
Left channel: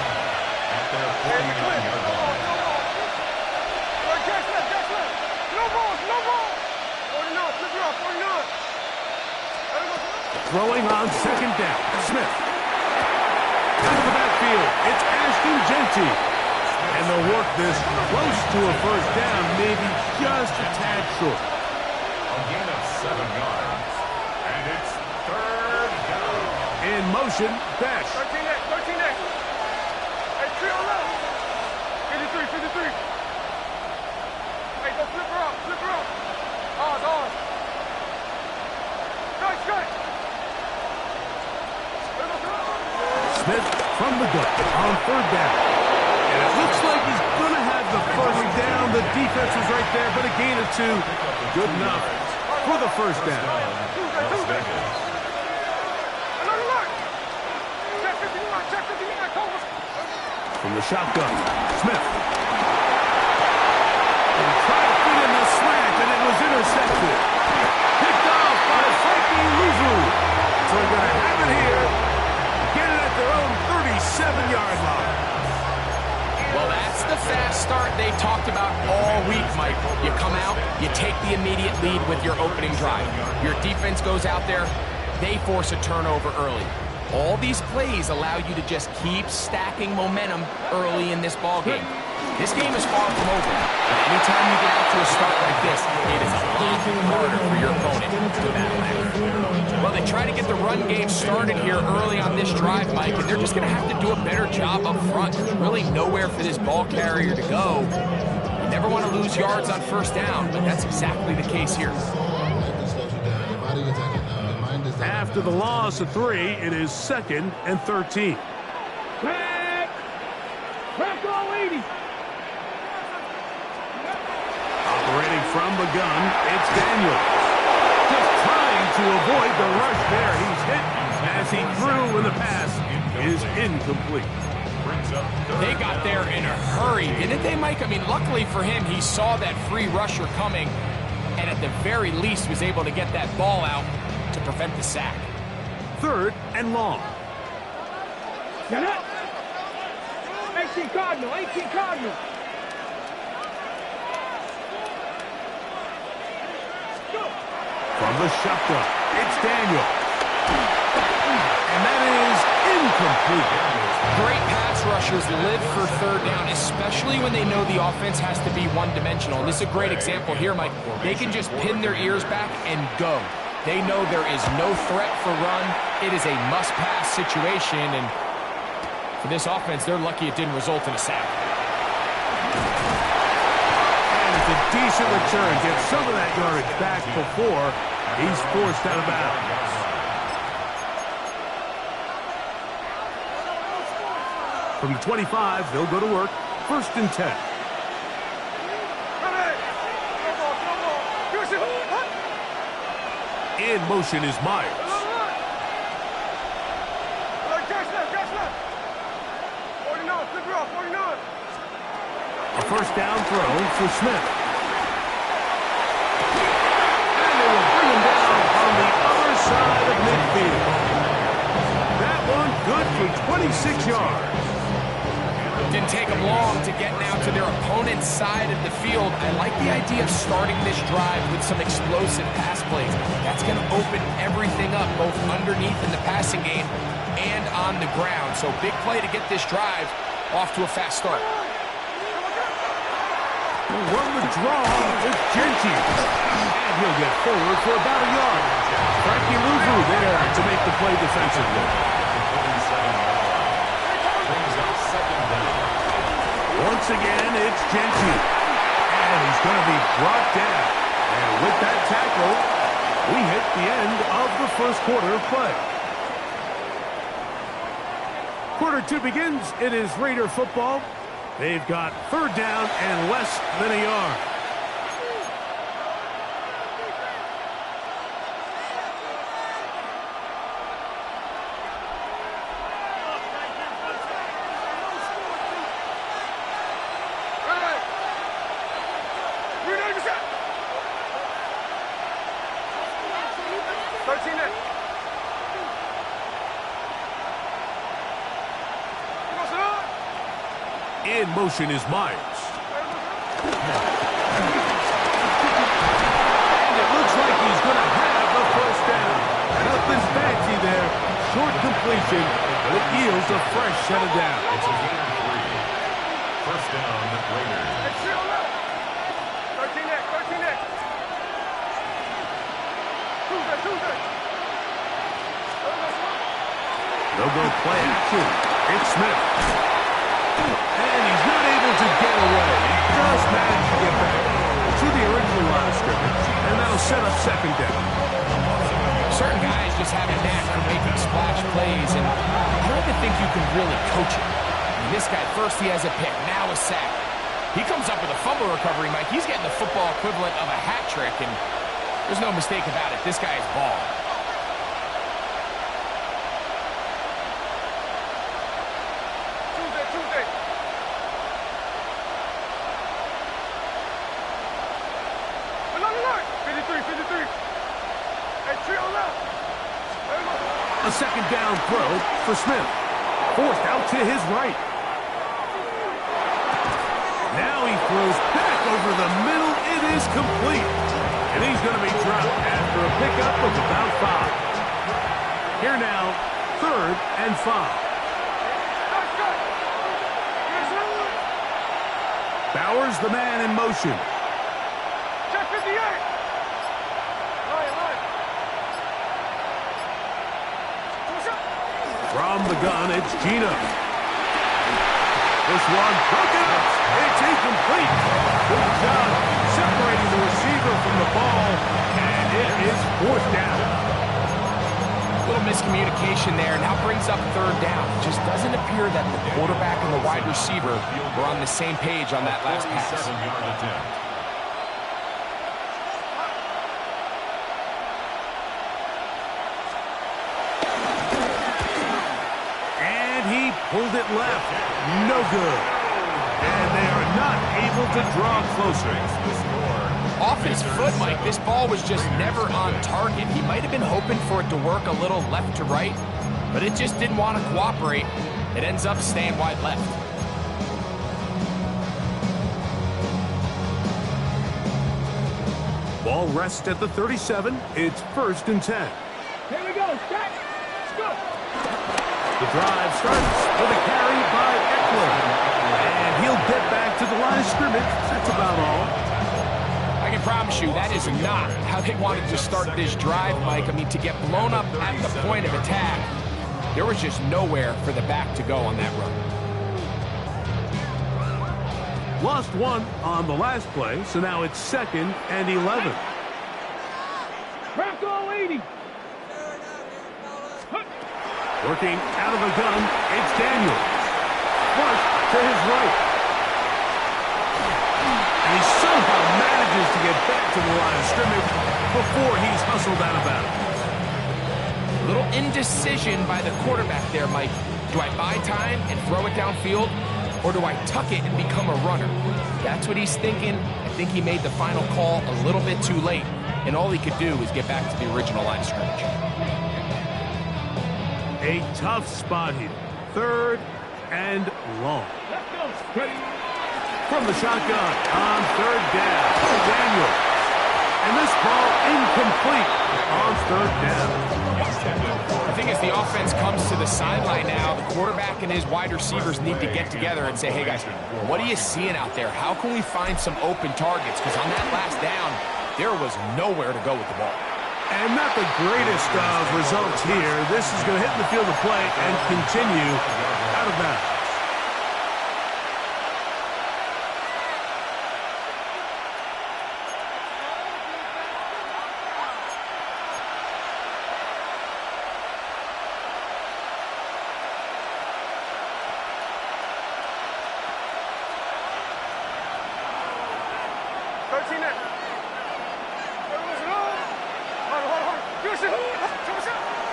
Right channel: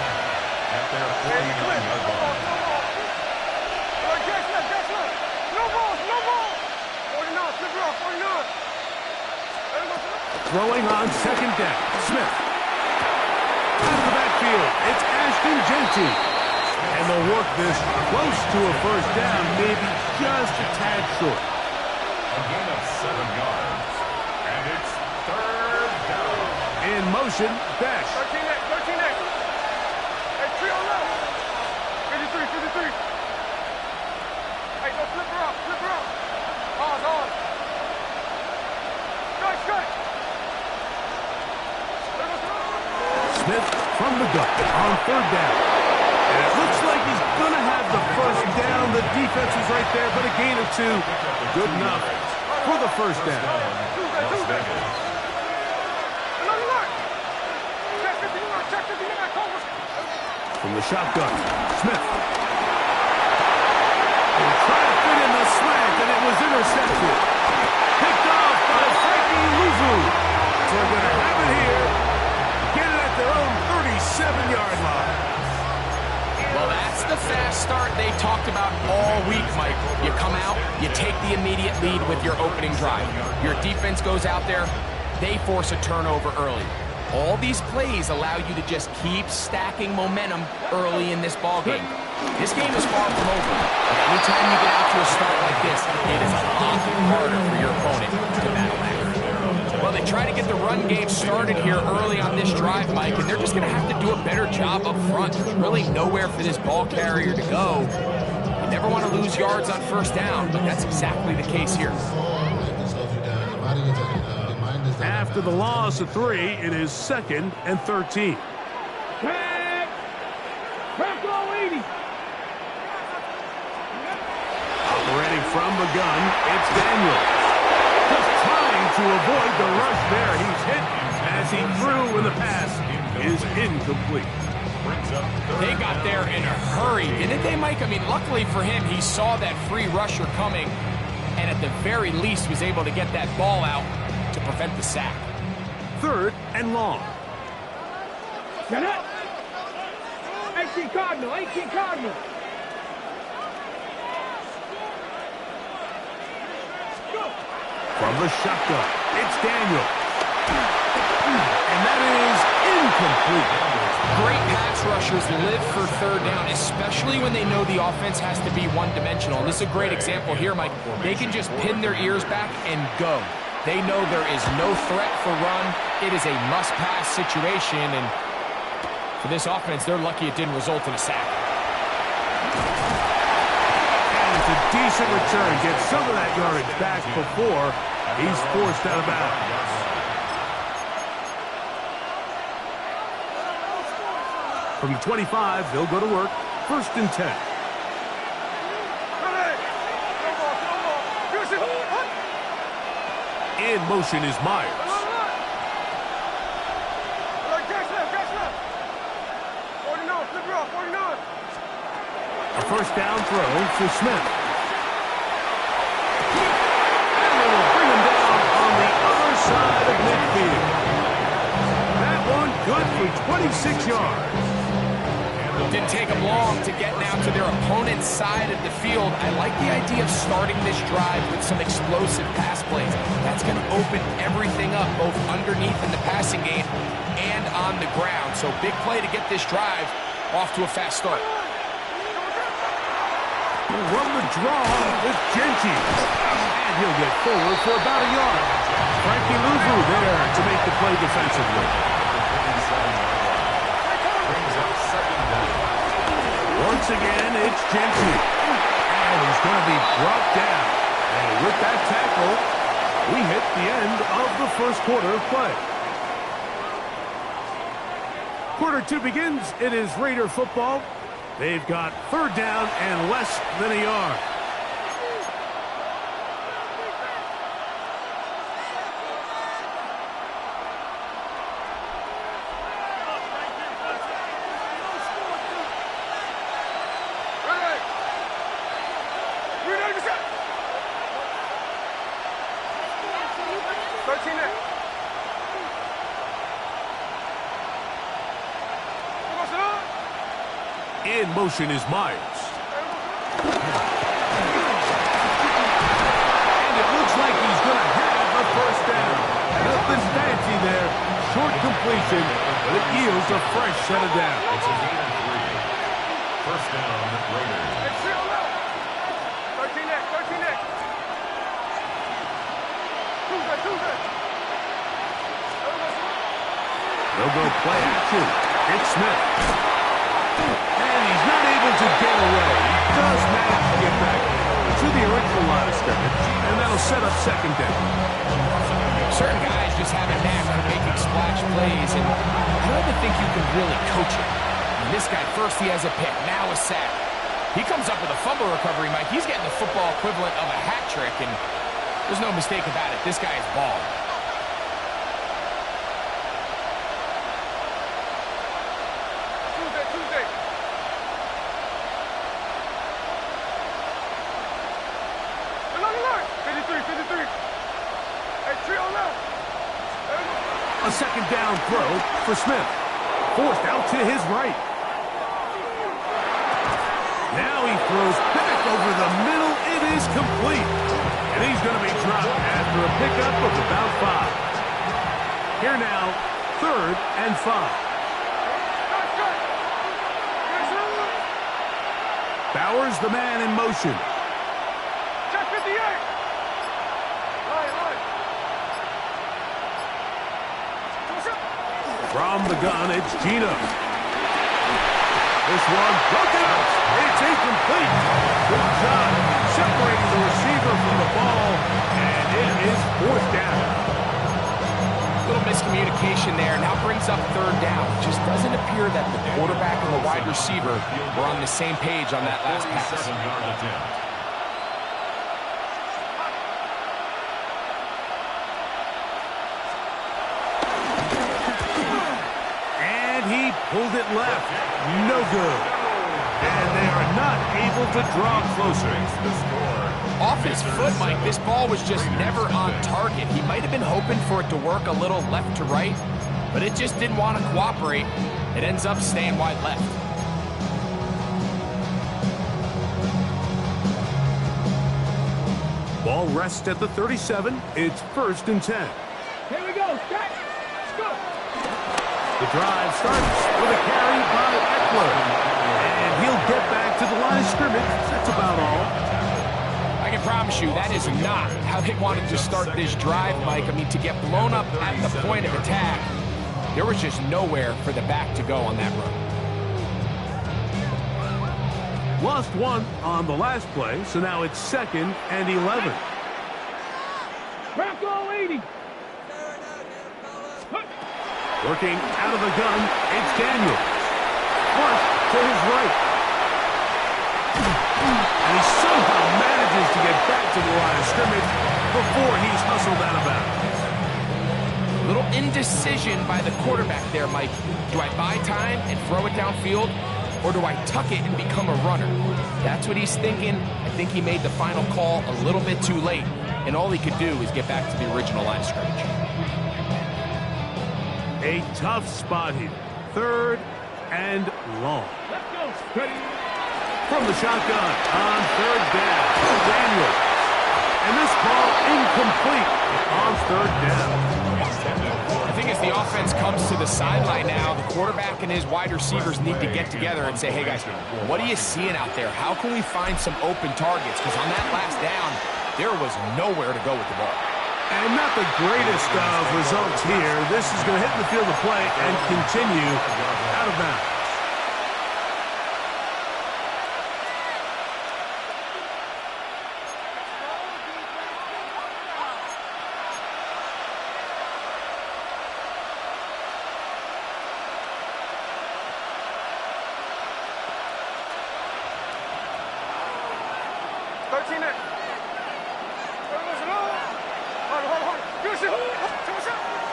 at their 49-yard line. No ball. 49, flip it off, 49. Throwing on 2nd down, Smith. Out of the backfield, it's Ashton Genty. And they'll work this close to a 1st down, maybe just a tad short. A gain of 7 yards. And it's 3rd down. In motion, Besh. 13X. Hey, 3 on left. 53. Hey, go flip her up. On. Good. Smith from the gun on 3rd down. And it looks like he's going to have the 1st down. The defense was right there, but a gain of 2. Good enough for the 1st down. Las Vegas. From the shotgun, Smith. And tried to fit in the slant, and it was intercepted. Picked off by Frankie Luvu. So they're going to have it here. Get it at their own 37-yard line. Well, that's the fast start they talked about all week, Mike. You come out, you take the immediate lead with your opening drive. Your defense goes out there, they force a turnover early. All these plays allow you to just keep stacking momentum early in this ballgame. This game is far from over, but anytime you get out to a start like this, it is a lot harder for your opponent to battle back. Well, they try to get the run game started here early on this drive, Mike, and they're just going to have to do a better job up front. There's really nowhere for this ball carrier to go. You never want to lose yards on 1st down, but that's exactly the case here. After the loss of 3, it is 2nd and 13. Tag! Crack all 80! Operating from the gun, it's Daniels. Just trying to avoid the rush there. He's hit as he threw, and the pass is incomplete. They got there in a hurry, didn't they, Mike? I mean, luckily for him, he saw that free rusher coming, and at the very least was able to get that ball out to prevent the sack. 3rd and long. Get up! 18 Cardinal. From the shotgun, it's Daniel. And that is incomplete. Great pass rushers live for 3rd down, especially when they know the offense has to be one-dimensional. And this is a great example here, Mike. They can just pin their ears back and go. They know there is no threat for run. It is a must-pass situation, and for this offense, they're lucky it didn't result in a sack. And it's a decent return. Gets some of that yardage back before he's forced out of bounds. From the 25, they'll go to work. 1st and 10. In motion is Myers. A 1st down throw for Smith. And they will bring him down on the other side of midfield. That one good for 26 yards. Didn't take them long to get now to their opponent's side of the field. I like the idea of starting this drive with some explosive pass plays. That's going to open everything up, both underneath in the passing game and on the ground. So big play to get this drive off to a fast start. Run the draw with Genty. And he'll get forward for about a yard. Frankie Louvu there to make the play defensively. Once again, it's Genty. And he's going to be brought down. And with that tackle, we hit the end of the first quarter of play. Quarter 2 begins. It is Raider football. They've got third down and less than a yard. In motion is Myers. And it looks like he's going to have a first down. Nothing fancy there. Short completion, but it yields a fresh set of downs. It's a gain of 3. First down, Raiders. 13X. They'll go play action. It's Smith. And he's not able to get away. He does manage to get back to the original line of scrimmage, and that'll set up second down. Certain guys just have a knack for making splash plays, and I don't even think you can really coach it. I mean, this guy, first he has a pick, now a sack. He comes up with a fumble recovery, Mike. He's getting the football equivalent of a hat trick, and there's no mistake about it. This guy is balling. Tuesday. Look. 53. Hey, trio left. A second down throw for Smith. Forced out to his right. Now he throws back over the middle. It is complete. And he's going to be dropped after a pickup of about 5. Here now, 3rd and 5. Bowers, the man in motion. Check 58. Line. From the gun, it's Gino. This one broken up. It's incomplete. Good job separating the receiver from the ball, and it is 4th down. Little miscommunication there. Now brings up 3rd down. It just doesn't appear that the quarterback and the wide receiver were on the same page on that last pass. 47-yard attempt. And he pulled it left. No good. And they are not able to draw closer. Off his foot, Mike, this ball was just never on target. He might have been hoping for it to work a little left to right, but it just didn't want to cooperate. It ends up staying wide left. Ball rests at the 37. It's 1st and 10. Here we go. Let's go. The drive starts with a carry by Eckler. And he'll get back to the line of scrimmage. That's about all. I can promise you that is not how they wanted to start this drive, Mike. I mean, to get blown up at the point of attack, there was just nowhere for the back to go on that run. Lost 1 on the last play, so now it's 2nd and 11. Bronco 80. Working out of the gun, it's Daniels. Flush to his right. And he somehow manages to get back to the line of scrimmage before he's hustled out of bounds. A little indecision by the quarterback there, Mike. Do I buy time and throw it downfield, or do I tuck it and become a runner? That's what he's thinking. I think he made the final call a little bit too late, and all he could do is get back to the original line of scrimmage. A tough spot here. 3rd and long. Let's go. Ready. From the shotgun on third down, Daniel. And this ball incomplete on third down. I think as the offense comes to the sideline now, the quarterback and his wide receivers need to get together and say, hey guys, what are you seeing out there? How can we find some open targets? Because on that last down, there was nowhere to go with the ball. And not the greatest of results here. This is going to hit the field of play and continue out of bounds.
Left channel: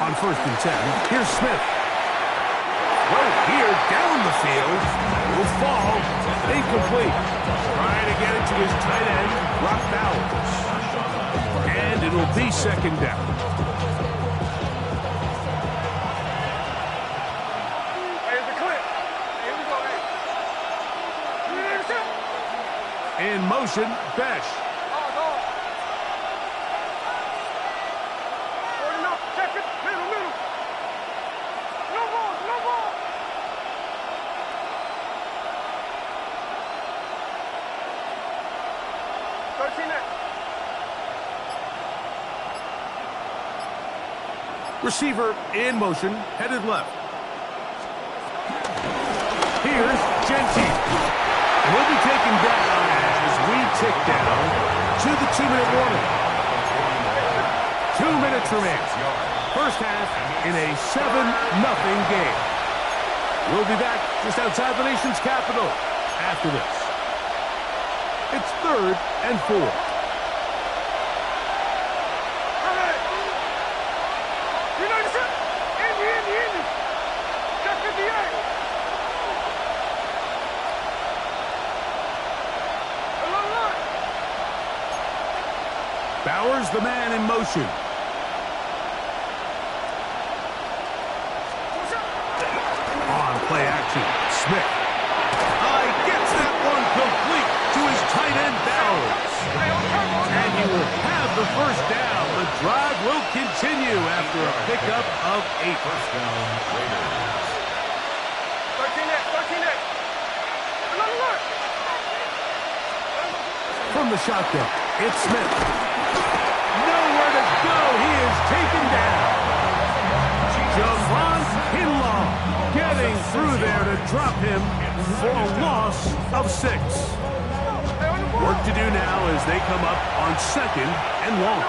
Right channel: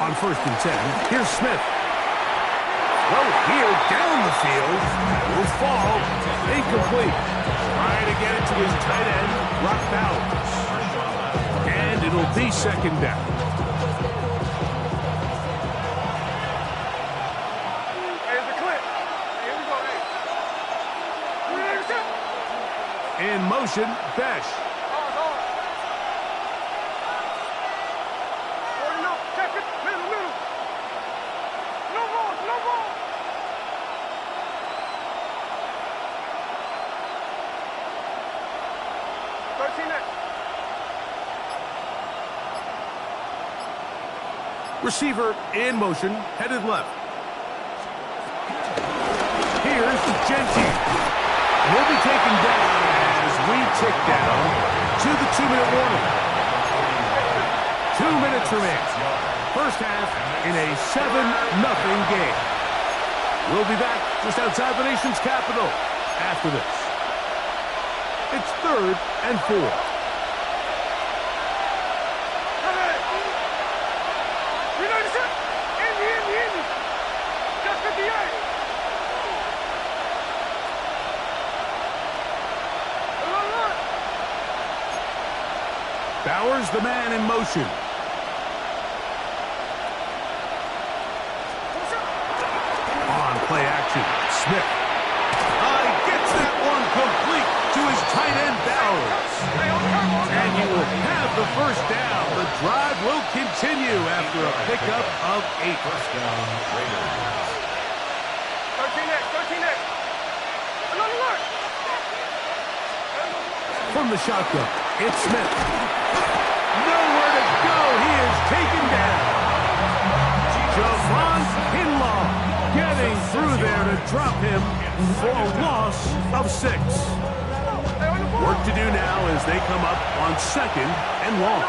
On 1st and 10, here's Smith. Throw here down the field. Will fall. Incomplete. Trying to get it to his tight end, Brock Bowers. And it'll be 2nd down. Here's the clip. Here we go. In motion, Besh. Receiver in motion, headed left. Here's Gentile. He'll be taken down as we tick down to the 2-minute warning. 2 minutes remain. First half in a 7-0 game. We'll be back just outside the nation's capital after this. It's 3rd and 4. Bowers, the man in motion. On play action, Smith. Gets that one complete to his tight end, Bowers. And he will have the first down. The drive will continue after a pickup of 8. First down, Raiders. 13X. From the shotgun, it's Smith. Nowhere to go. He is taken down. Javon Kinlaw getting through there to drop him for a loss of 6. Work to do now as they come up on 2nd and long.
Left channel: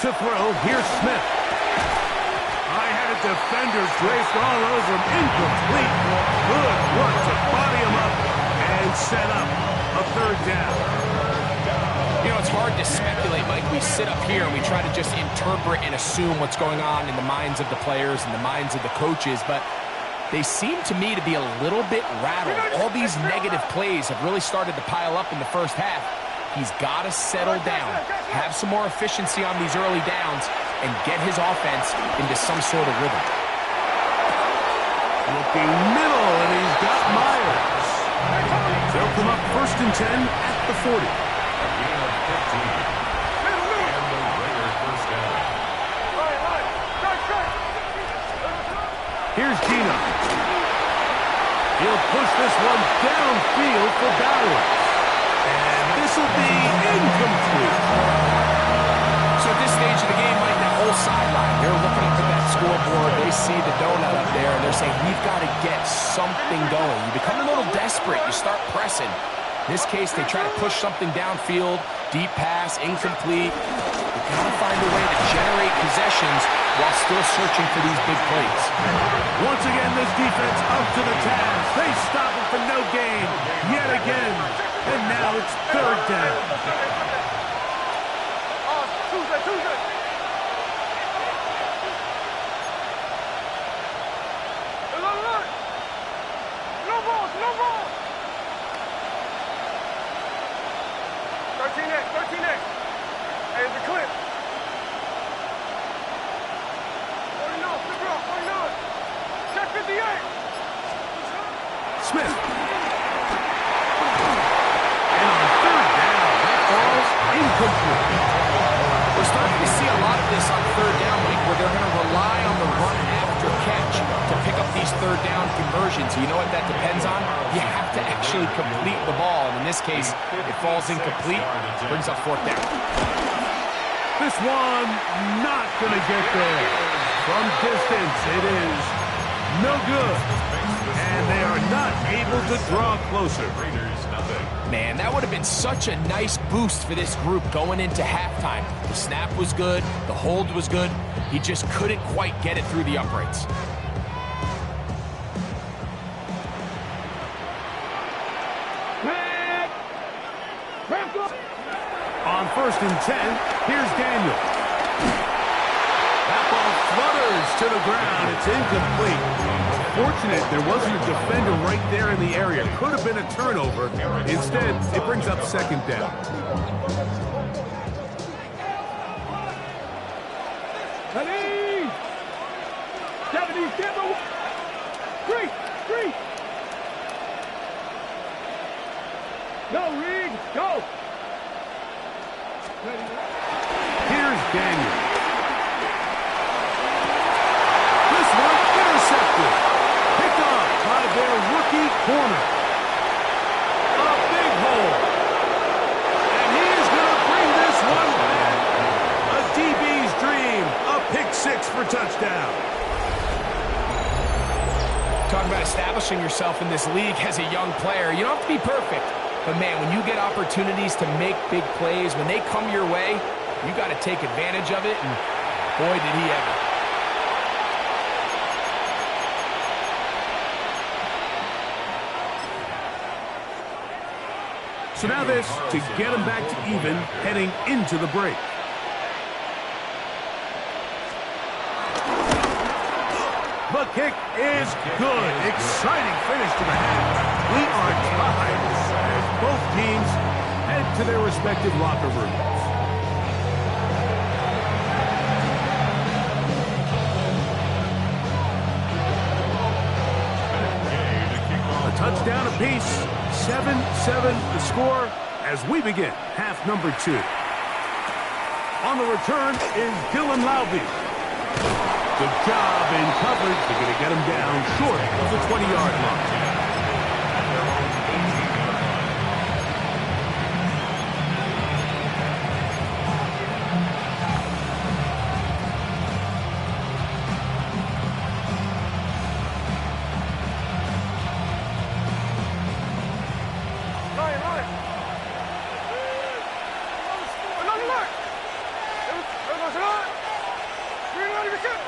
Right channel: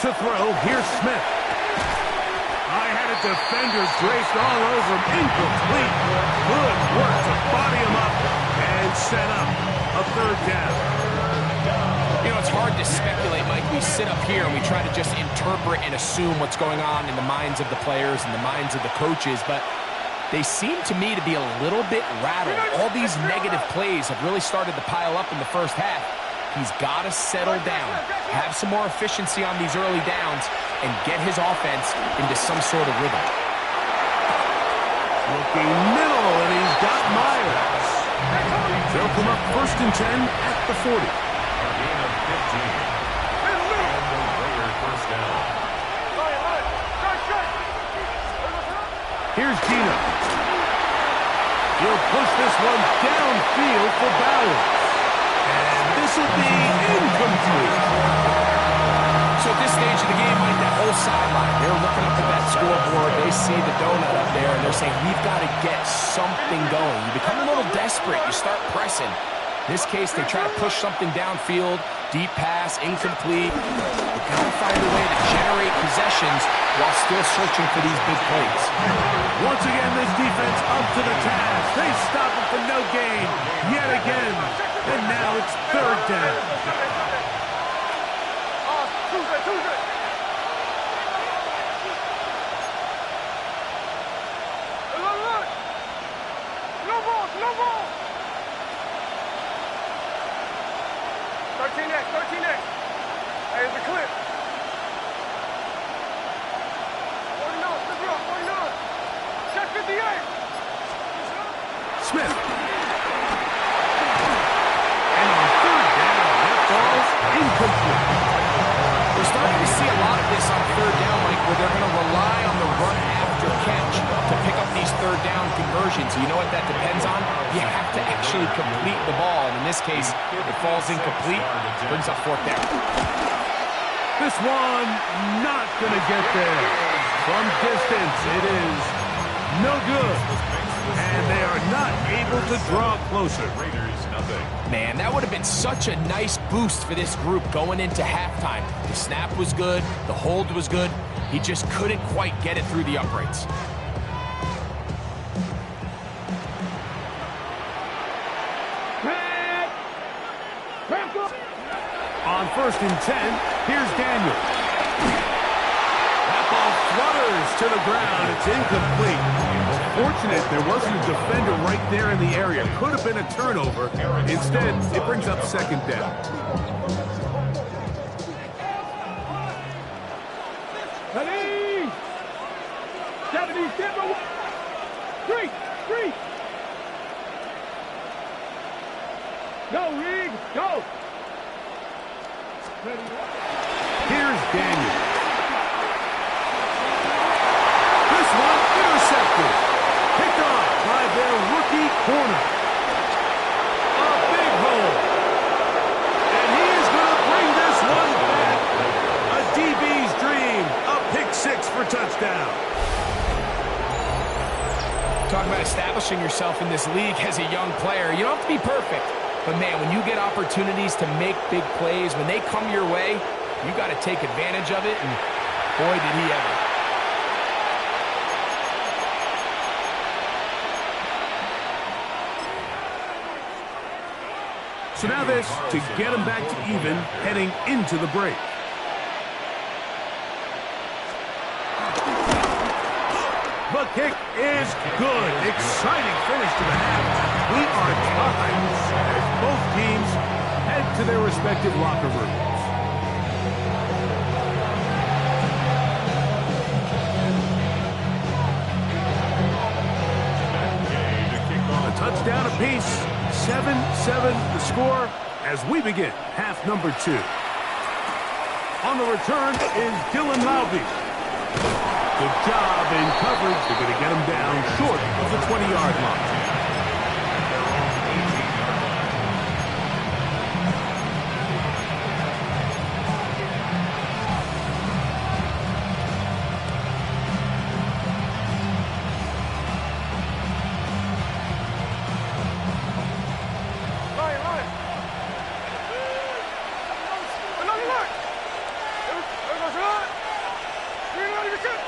To throw, here's Smith. I had a defender draped all over him. Incomplete. Good work to body him up and set up a 3rd down. You know, it's hard to speculate, Mike. We sit up here and we try to just interpret and assume what's going on in the minds of the players and the minds of the coaches, but they seem to me to be a little bit rattled. All these negative plays have really started to pile up in the first half. He's got to settle down, have some more efficiency on these early downs, and get his offense into some sort of rhythm. Looking middle, and he's got Myers. They'll come up 1st and 10 at the 40. A gain of 15. And the Raiders first down. Here's Gino. He'll push this one downfield for Bowers. And this will be incomplete. So at this stage of the game, Mike, that whole sideline, they're looking up at that scoreboard. They see the donut up there, and they're saying, we've got to get something going. You become a little desperate. You start pressing. In this case, they try to push something downfield, deep pass, incomplete. You've got to find a way to generate possessions while still searching for these big plays. Once again, this defense up to the task. They stop him for no gain yet again. And now it's 3rd down. Tuesday. Look. No balls. 13X, 13X. Hey, it's a clip. 49, flip it up, 49. Check 58. Smith. And on third down, that ball's incomplete. We're starting to see a lot of this on third down, Mike, where they're going to rely on the run after catch to pick up these third down conversions. You know what that depends on? You have to actually complete the ball, and in this case, it falls incomplete, brings up fourth down. This one not going to get there. From distance, it is no good. And they are not able to draw closer. Raiders, nothing. Man, that would have been such a nice boost for this group going into halftime. The snap was good. The hold was good. He just couldn't quite get it through the uprights. On 1st and 10, here's Daniel. That ball flutters to the ground. It's incomplete. Fortunate there wasn't a defender right there in the area. Could have been a turnover. Instead, it brings up second down. Ready? 70, step away. 3. Go, Reed, go. Ready? Here's Daniel. This one intercepted. Picked off by their rookie corner. A big hole. And he is going to bring this one back. A DB's dream. A pick six for touchdown. Talking about establishing yourself in this league as a young player. You don't have to be perfect. But, man, when you get opportunities to make big plays, when they come your way, you got to take advantage of it, and boy, did he ever. So now this to get him back to even heading into the break. The kick is good. Exciting finish to the half. We are tied as both teams head to their respective locker rooms. A touchdown apiece. 7-7 the score as we begin half number 2. On the return is Dylan Laube. Good job in coverage. They're going to get him down short of the 20-yard line. Their own 18-yard line. Line. Another line. There goes the line. You're not even good.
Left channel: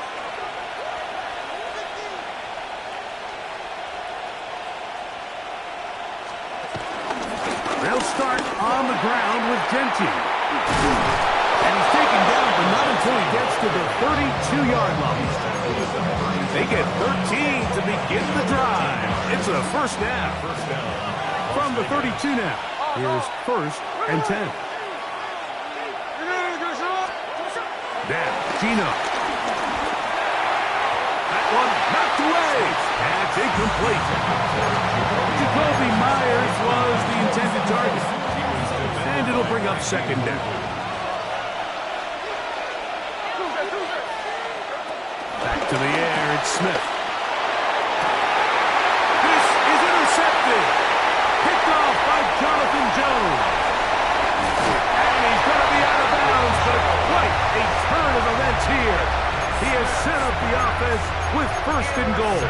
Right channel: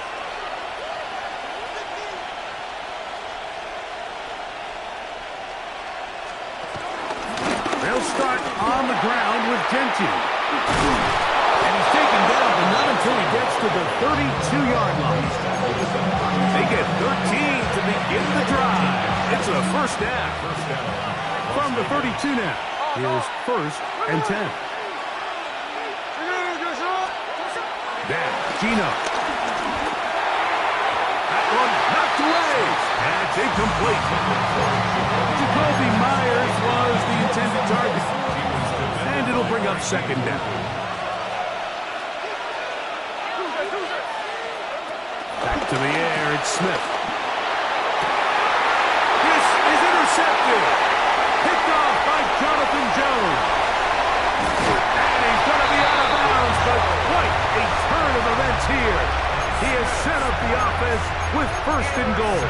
They'll start on the ground with Gentry. And he's taken down, but not until he gets to the 32-yard line. They get 13 to begin the drive. It's a first down. From the 32 now. Here's 1st and 10. Now, Gino. That one knocked away. That's incomplete. Jacoby Myers was the intended target. And it'll bring up second down. Back to the air, it's Smith. This is intercepted. Picked off by Jonathan Jones. And he's going to be out of bounds, but quite a turn of events here. He has set up the offense with 1st and goal.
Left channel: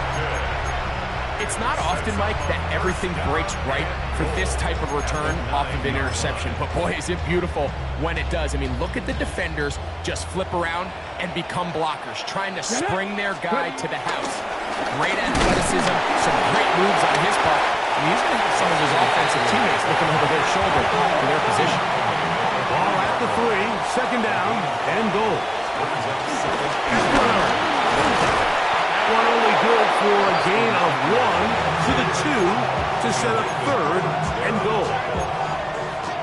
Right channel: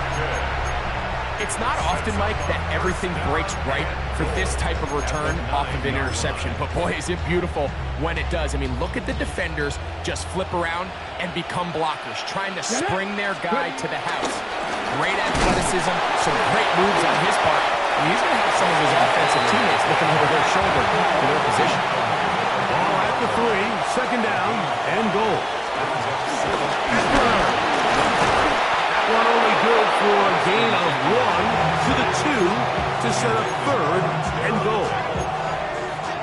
It's not often, Mike, that everything breaks right for this type of return off of an interception. But, boy, is it beautiful when it does. I mean, look at the defenders just flip around and become blockers, trying to spring their guy to the house. Great athleticism, some great moves on his part. I mean, he's going to have some of his offensive teammates looking over their shoulder for their position. Ball at the 3, second down, and goal. That one only good for a gain of 1 to the 2 to set up 3rd and goal.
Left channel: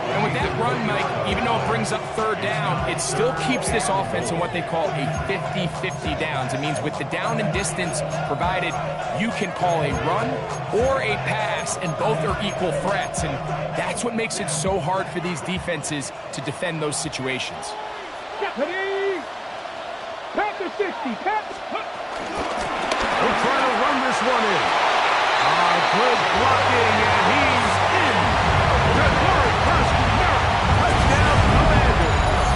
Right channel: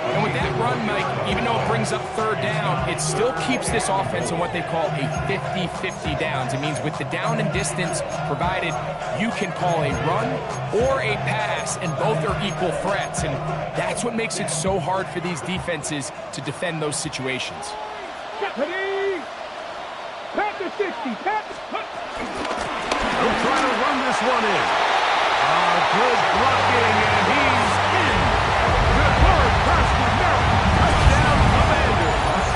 And with that run, Mike, even though it brings up third down, it still keeps this offense in what they call a 50-50 downs. It means with the down and distance provided, you can call a run or a pass, and both are equal threats. And that's what makes it so hard for these defenses to defend those situations. Ready? Pat the 60. Pat. They'll try to run this one in. Good blocking, and he's in. The third first numeric touchdown, Commanders.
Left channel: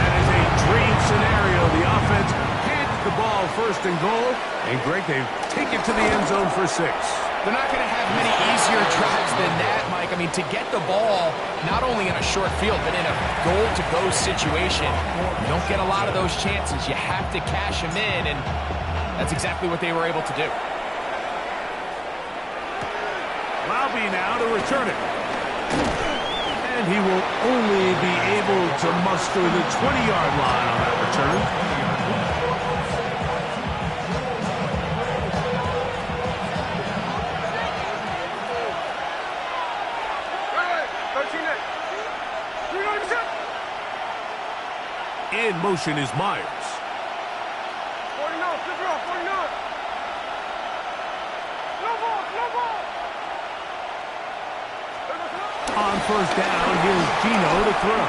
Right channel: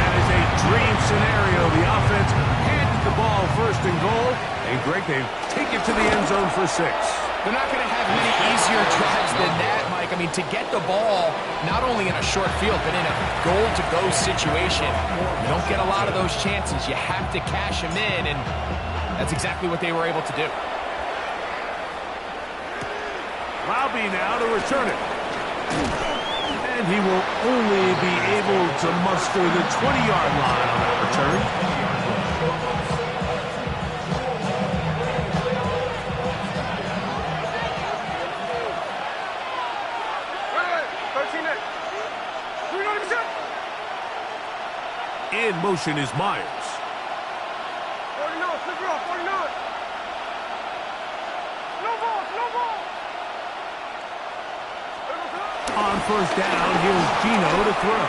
That is a dream scenario. The offense handed the ball first and goal, and Greg, they take it to the end zone for 6. They're not going to have many easier drives than that, Mike. I mean, to get the ball, not only in a short field, but in a goal-to-go situation, you don't get a lot of those chances. You have to cash them in, and that's exactly what they were able to do. Laube now to return it. And he will only be able to muster the 20-yard line on that return. In motion is Myers. 49, flip it off, 49. No ball, no ball. On first down, here's Gino to throw.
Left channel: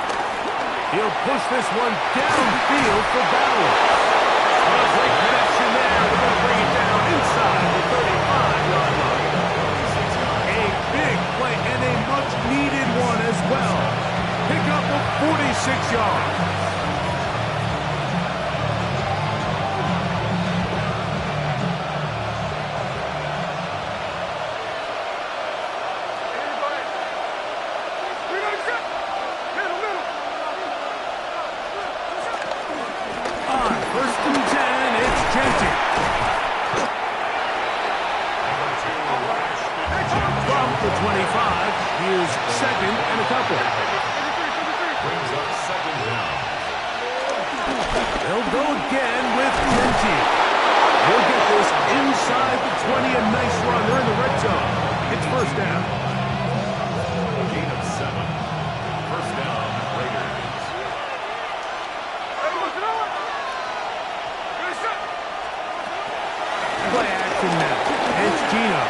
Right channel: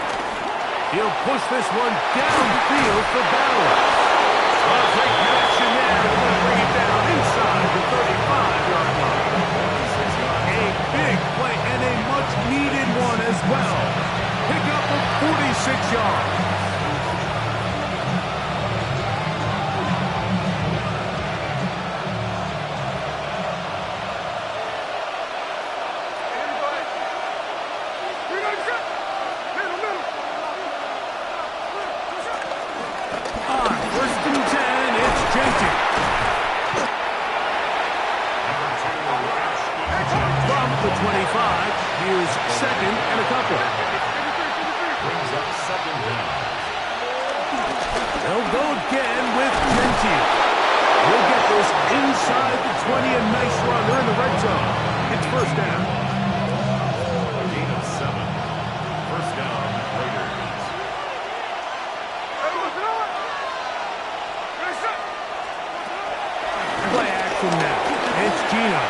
He'll push this one downfield for Bauer. A great connection there. They're going to bring it down inside the 35-yard line. A big play and a much-needed one as well. Pick up of 46 yards. The 25, here's second and a couple. Brings up second down. They'll go again with Gentile. He'll get this inside the 20, a nice run. They're in the red zone. It's first down. A gain of 7. First down, Raiders. Play action now. It's Gino.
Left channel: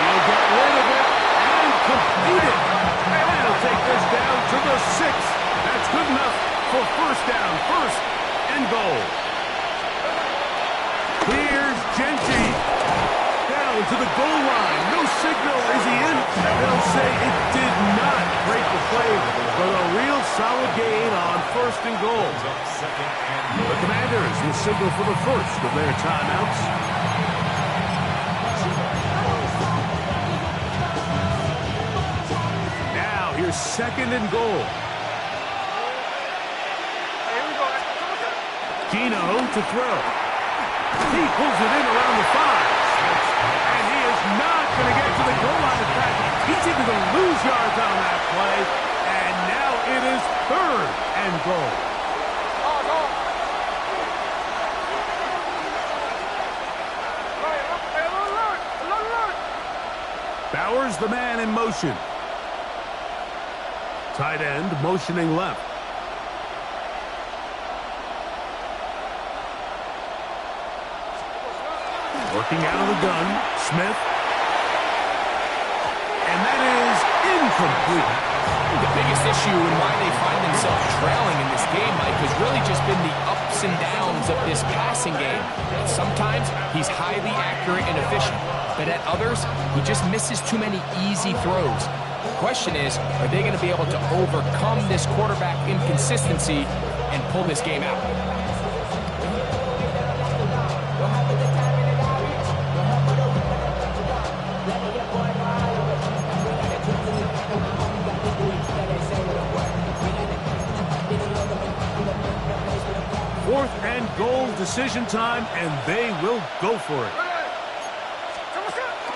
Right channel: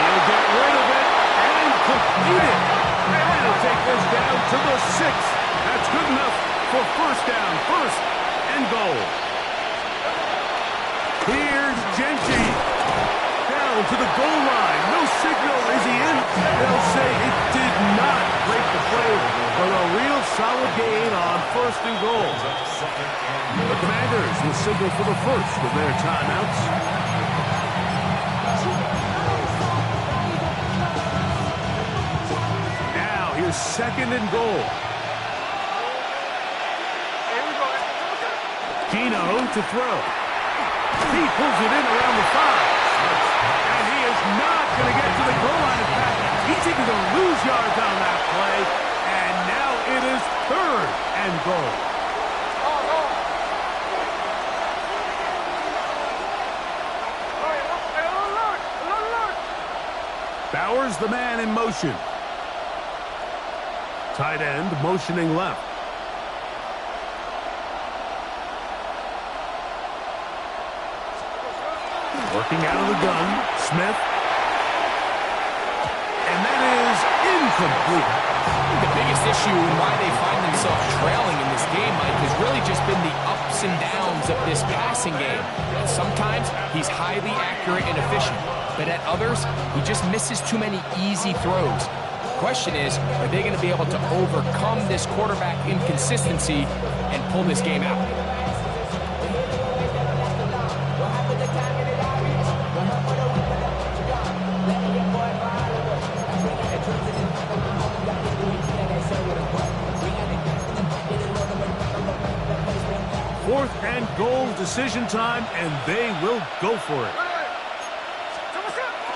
He'll get rid of it and complete it. And he'll take this down to the 6. That's good enough for first down. First and goal. Here's Gentile. Down to the goal line. No signal. Is he in? They'll say it did not break the play, but a real solid gain on first and goal. The Commanders will signal for the first of their timeouts. Here's second and goal. Gino to throw. He pulls it in around the 5. And he is not going to get to the goal line. In fact, he's even going to lose yards on that play. And now it is third and goal. Bauer's the man in motion. Tight end motioning left. Working out of the gun, Smith. And that is incomplete. The biggest issue and why they find themselves trailing in this game, Mike, has really just been the ups and downs of this passing game. And sometimes he's highly accurate and efficient, but at others, he just misses too many easy throws. The question is, are they going to be able to overcome this quarterback inconsistency and pull this game out? Fourth and goal, decision time, and they will go for it.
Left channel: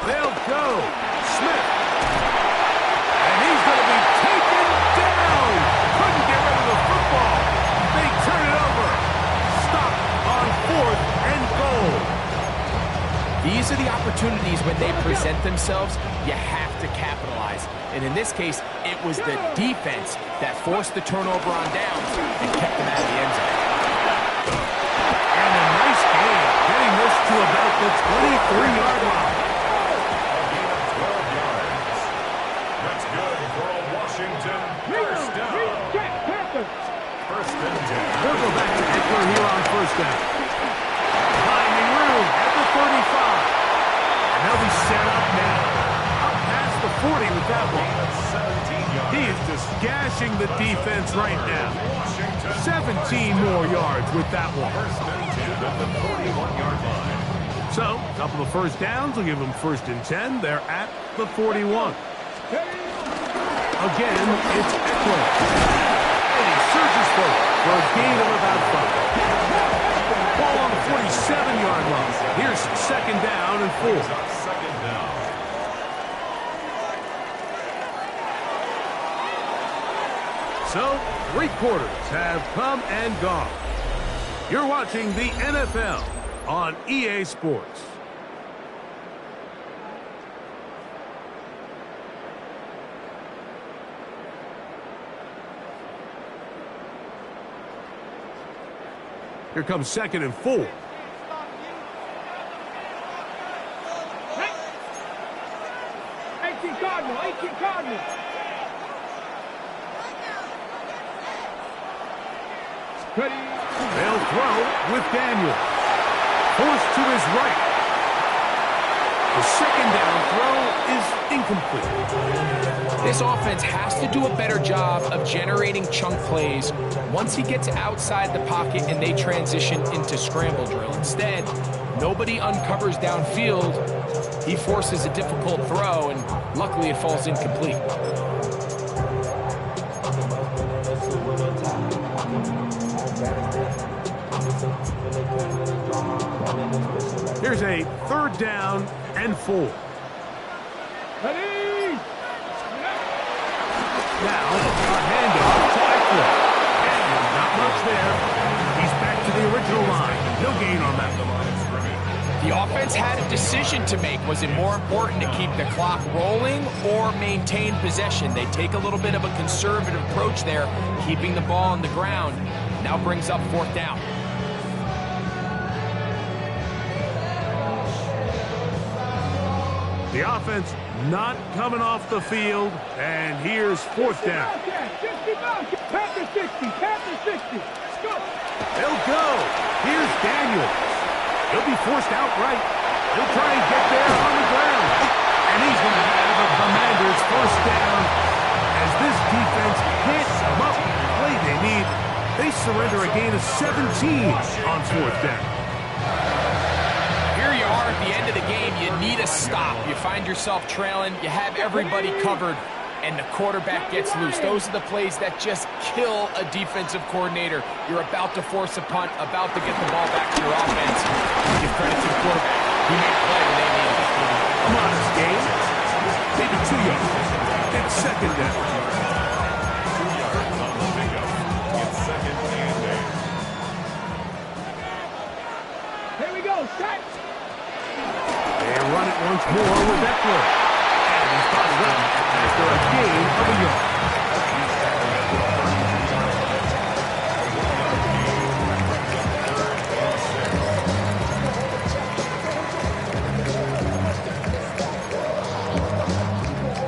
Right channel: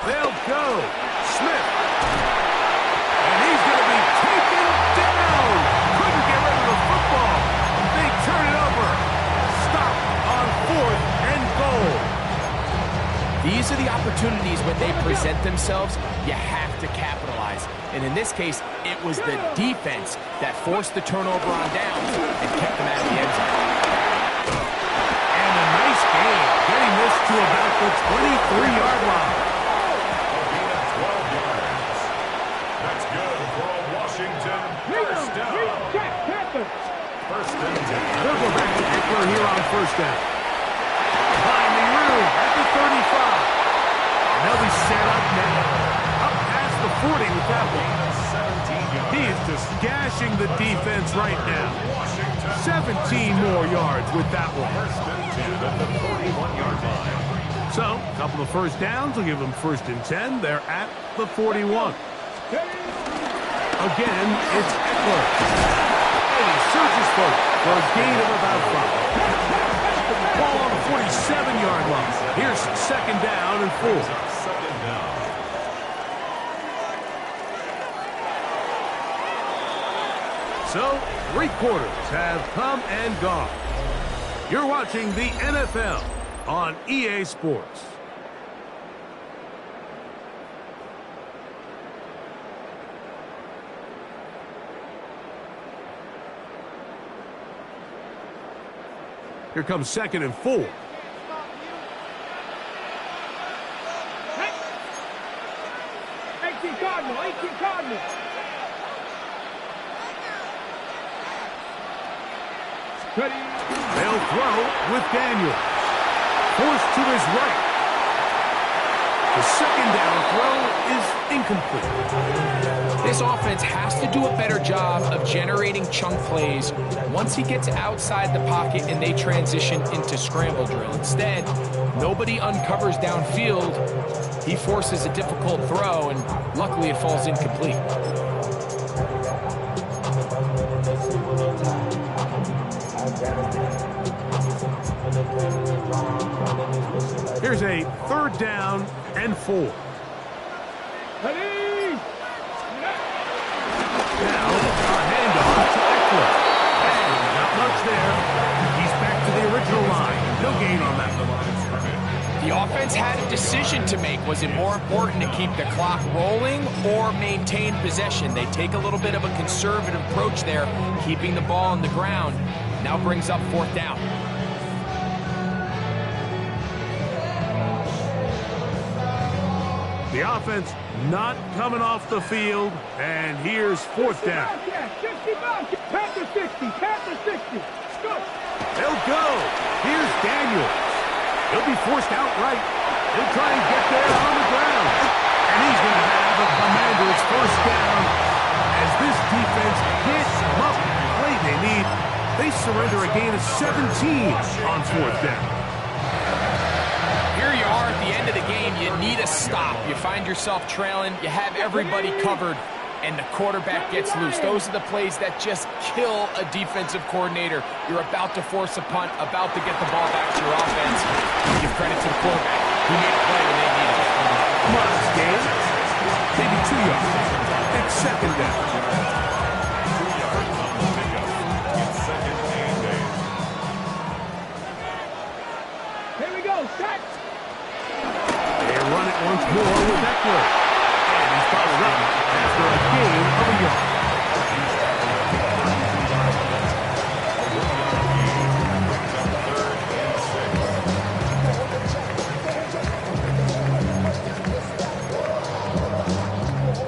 They'll go. Smith. And he's going to be taken down. Couldn't get rid of the football. They turn it over. Stop on fourth and goal. These are the opportunities when they present themselves, you have to capitalize. And in this case, it was the defense that forced the turnover on downs and kept them out of the end zone. And a nice game, getting this to about the 23-yard line. A gain of 12 yards. That's good for a Washington first down. First and 10. They'll go back to Eckler here on first down. Finding room at the 35. And they'll be set up now. Up past the 40 with that one. He is just gashing the defense right now. 17 more yards with that one. First and 10 at the 41-yard line. So, a couple of first downs will give them first and 10. They're at the 41. Again, it's Eckler. And he surges forward for a gain of about 5. Ball on the 47-yard line. Here's second down and 4. Second down. So, 3 quarters have come and gone. You're watching the NFL on EA Sports. Here comes second and 4. 18 Cardinal, 18 Cardinal. They'll throw with Daniel. Forced to his right. The second down throw is incomplete. This offense has to do a better job of generating chunk plays once he gets outside the pocket and they transition into scramble drill. Instead, nobody uncovers downfield. He forces a difficult throw, and luckily it falls incomplete. Here's a third down and 4. Now, our handoff to Eckler. And not much there. He's back to the original line. No gain on that. The offense had a decision to make. Was it more important to keep the clock rolling or maintain possession? They take a little bit of a conservative approach there, keeping the ball on the ground. Now brings up fourth down. The offense not coming off the field, and here's fourth down. Panther 60, Panther 60. Let's go. They'll go. Here's Daniels. He'll be forced outright. He'll try and get there on the ground. And he's going to have a Commander's first down as this defense can't come up with the play they need. They surrender a gain of 17 on fourth down. Here you are at the end of the game. You need a stop. You find yourself trailing. You have everybody covered, and the quarterback gets loose. Those are the plays that just kill a defensive coordinator. You're about to force a punt, about to get the ball back to your offense. Give credit to the quarterback. He made a play when they needed it. A modest gain. Maybe 2 yards. It's second down. 2 yards on the pickup. It's second and 8. Here we go, set. They run it once more with Eckler. And he's bottled up after a gain of a yard.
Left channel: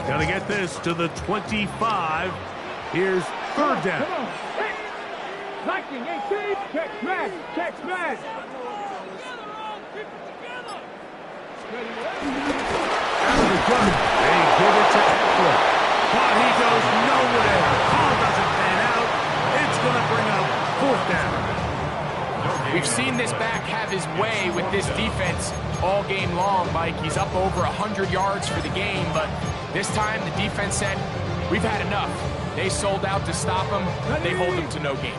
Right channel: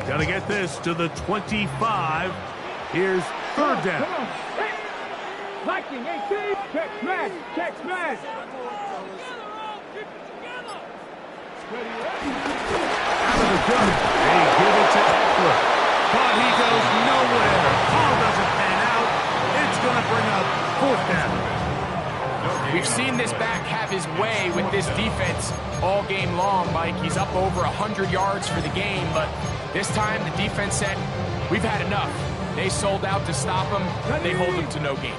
Got to get this to the 25. Here's third down. Come on. Locking 18. Check smash. Check smash. Out of the gun, they give it to Eckler. But he goes nowhere. Call doesn't pan out. It's going to bring up fourth down. We've seen this back have his way with this defense all game long, Mike. He's up over 100 yards for the game, but this time the defense said, we've had enough. They sold out to stop him. They hold him to no gain.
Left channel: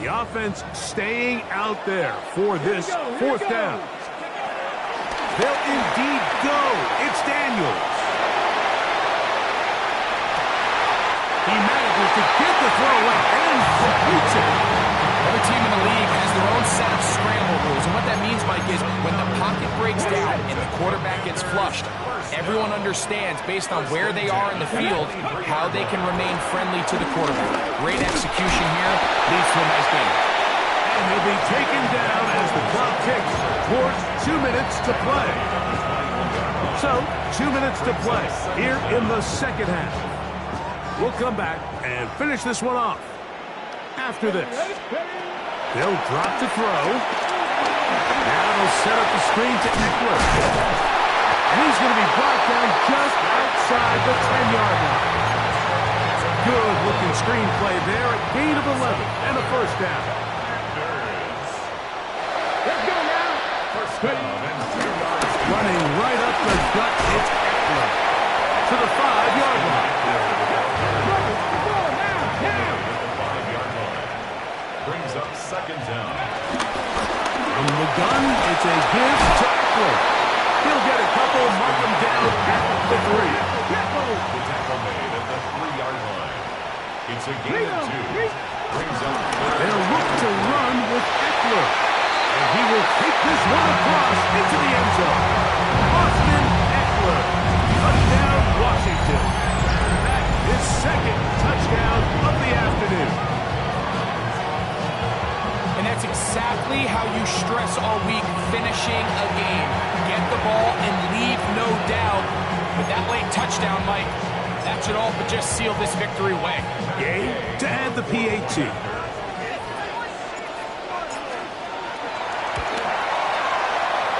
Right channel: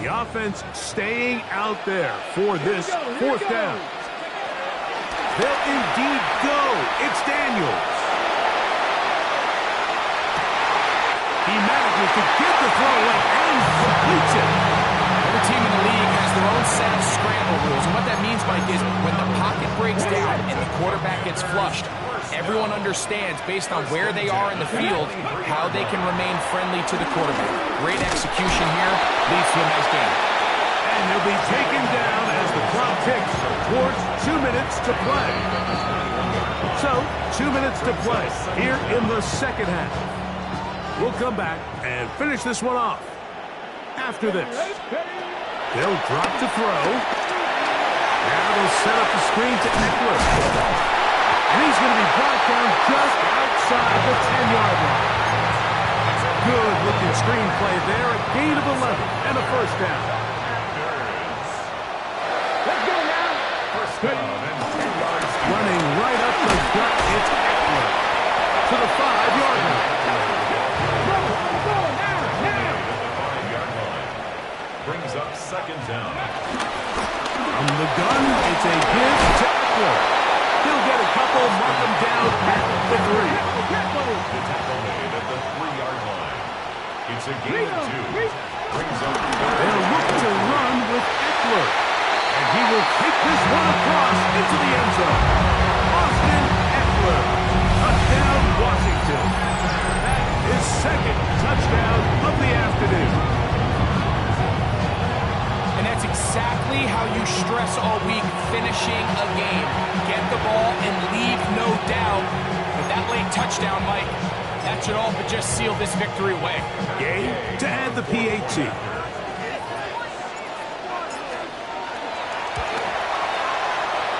The offense staying out there for this fourth down. They'll indeed go. It's Daniels. He manages to get the throw away and completes it. One other team in the league has their own set of scramble rules. And what that means, Mike, is when the pocket breaks down and the quarterback gets flushed, everyone understands, based on where they are in the field, how they can remain friendly to the quarterback. Great execution here, leads to a nice game. And he'll be taken down as the clock ticks towards 2 minutes to play. So, 2 minutes to play here in the second half. We'll come back and finish this one off. After this, they'll drop to throw. Now they'll set up the screen to Eckler. And he's going to be brought down just outside the 10-yard line. Good-looking screen play there, a gain of 11 and a first down. Let's go now. First down and 2 yards. Running right up the gut, it's Eckler to the 5-yard line. Go now. At the 5-yard line. Brings up second down. From the gun, it's a give to Eckler. He'll get a couple, mark him down at the 3. The tackle made at the 3-yard line. It's a gain of 2. Brings up They'll look to run with Eckler. And he will take this one across into the end zone. Austin Eckler. Touchdown, Washington. That is second touchdown of the afternoon. And that's exactly how you stress all week, finishing a game. Get the ball and leave no doubt. With that late touchdown, Mike, that should all but just seal this victory away. Game to add the PAT.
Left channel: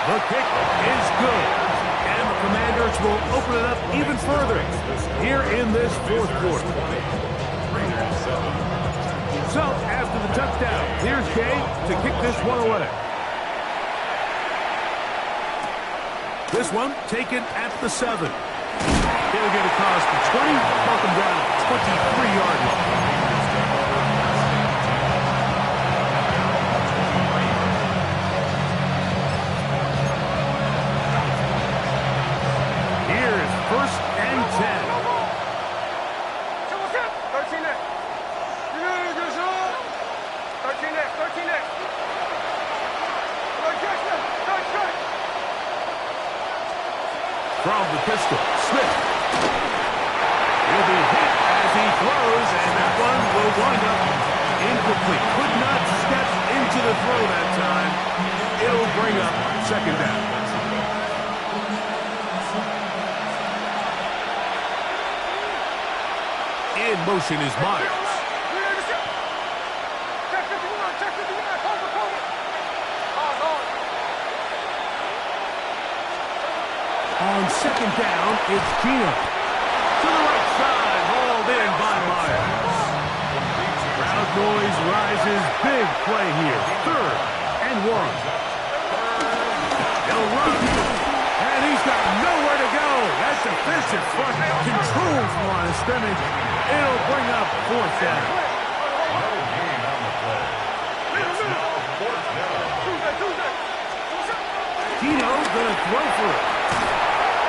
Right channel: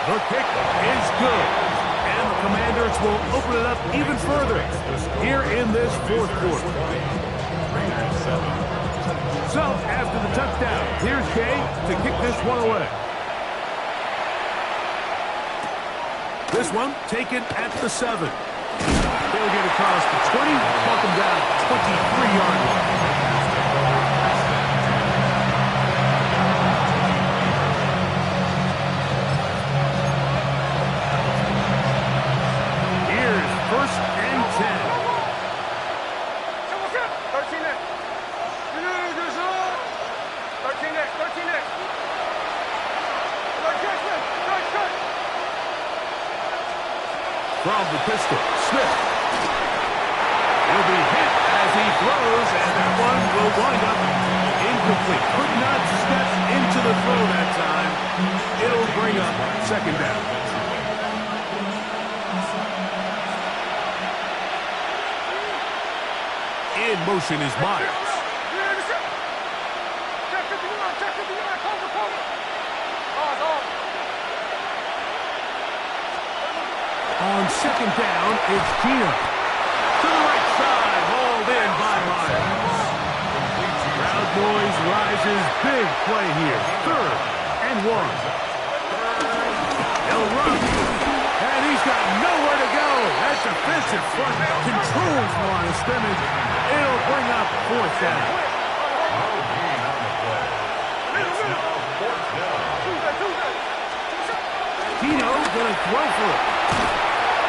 The kick is good. And the Commanders will open it up even further here in this fourth quarter. So, after the touchdown, here's Kay to kick this one away. This one taken at the 7. He'll get across the 20, walk him down 23-yard line. Here's first and 10. 13 next. 13 next. 13 next. From the pistol, Smith. He'll be hit as he throws, and that one will wind up incomplete. Could not step into the throw that time. It'll bring up second down. In motion is Myers. Check 59, cover. Pause. On second down, it's Gino. To the right side, hauled in by Myers. Crowd noise rises, big play here. 3rd and 1. He'll run, and he's got nowhere to go. That defensive front controls the line of scrimmage. It'll bring up 4th down. no gain on the play. It's now 4th down. Gino gonna throw for it.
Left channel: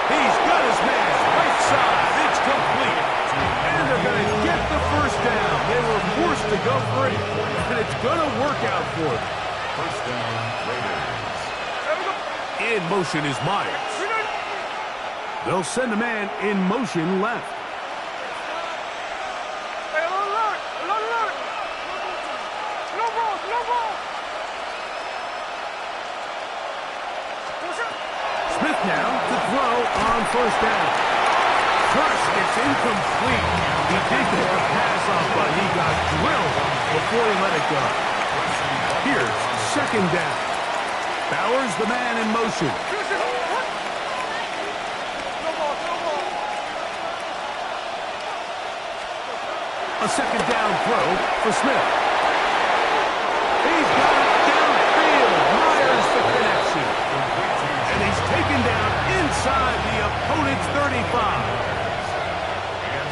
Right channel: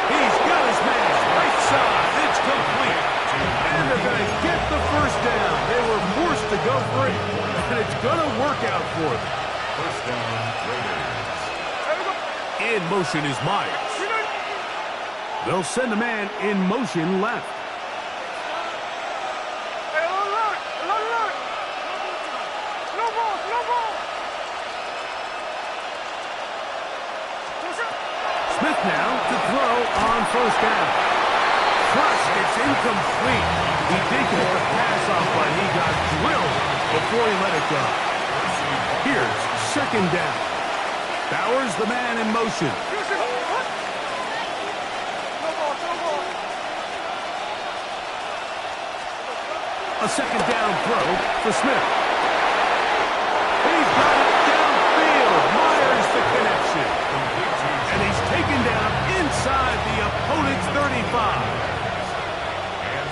He's got his man right side. It's complete. And they're going to get the first down. They were forced to go for it, and it's going to work out for them. First down, Raiders. In motion is Myers. They'll send a man in motion left. Smith now to throw on first down. Crushed, it's incomplete. He did get the pass off, but he got drilled before he let it go. Here's second down. Bowers, the man in motion. A second down throw for Smith. He's got it downfield. Myers the connection. And he's taken down inside the opponent's 35.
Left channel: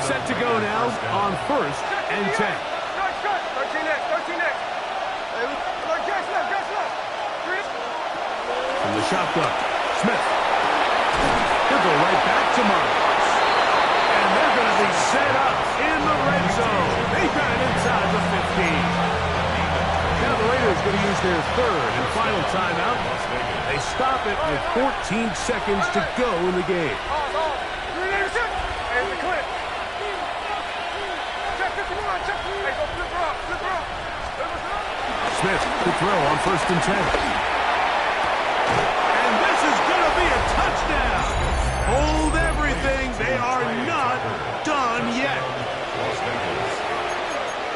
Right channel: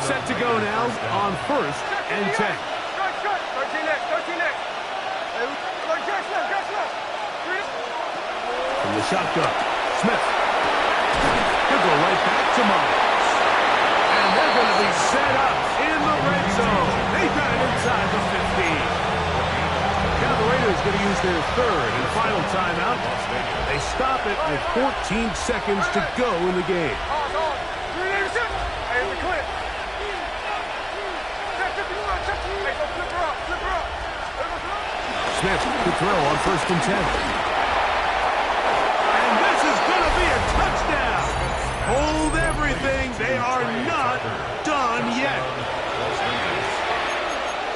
Set to go now on first and 10. 13 next. From the shotgun, Smith. He'll go right back to Myers. And they're going to be set up in the red zone. They got it inside the 15. Now the going to use their third and final timeout. They stop it with 14 seconds to go in the game. Hey, the clip. Check 51, check. Hey, go flip her up, flip her up. Smith to throw on 1st and 10. And this is going to be a touchdown. Hold everything. They are not done yet.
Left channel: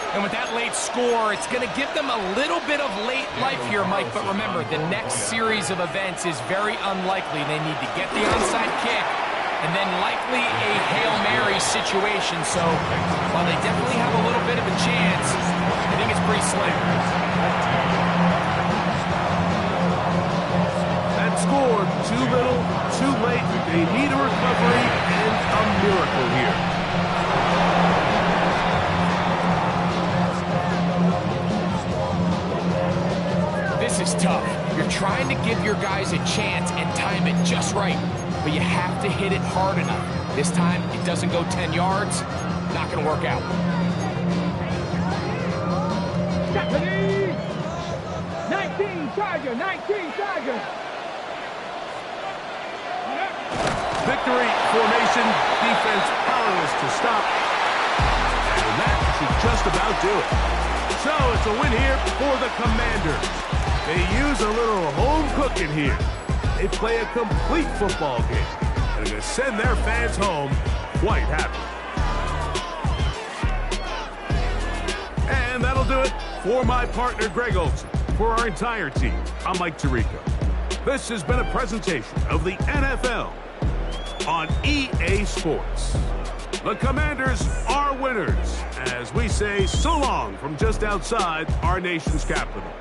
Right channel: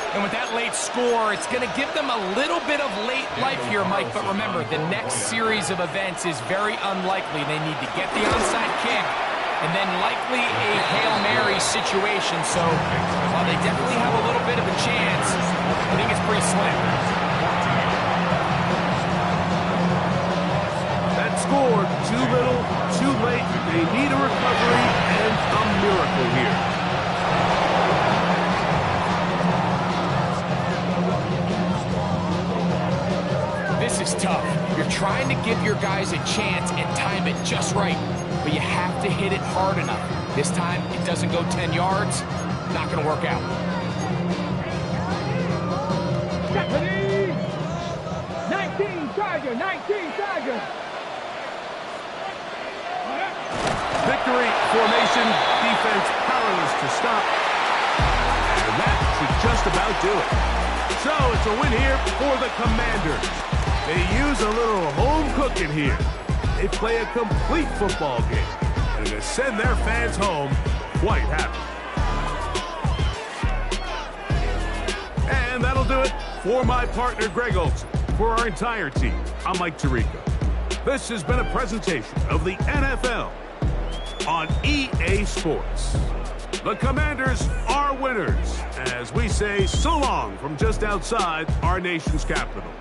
And with that late score, it's going to give them a little bit of late life here, Mike. But remember, the next series of events is very unlikely. They need to get the onside kick and then likely a Hail Mary situation. So while they definitely have a little bit of a chance, I think it's pretty slim. That score, too little, too late. They need a recovery and a miracle here. This is tough. You're trying to give your guys a chance and time it just right, but you have to hit it hard enough. This time, it doesn't go 10 yards. Not going to work out. 19 Tiger, 19 Tiger. Victory formation, defense powerless to stop. And that should just about do it. So it's a win here for the Commanders. They use a little home cooking here. They play a complete football game. And they're going to send their fans home quite happy. And that'll do it for my partner, Greg Olson. For our entire team, I'm Mike Tirico. This has been a presentation of the NFL on EA Sports. The Commanders are winners, as we say so long from just outside our nation's capital.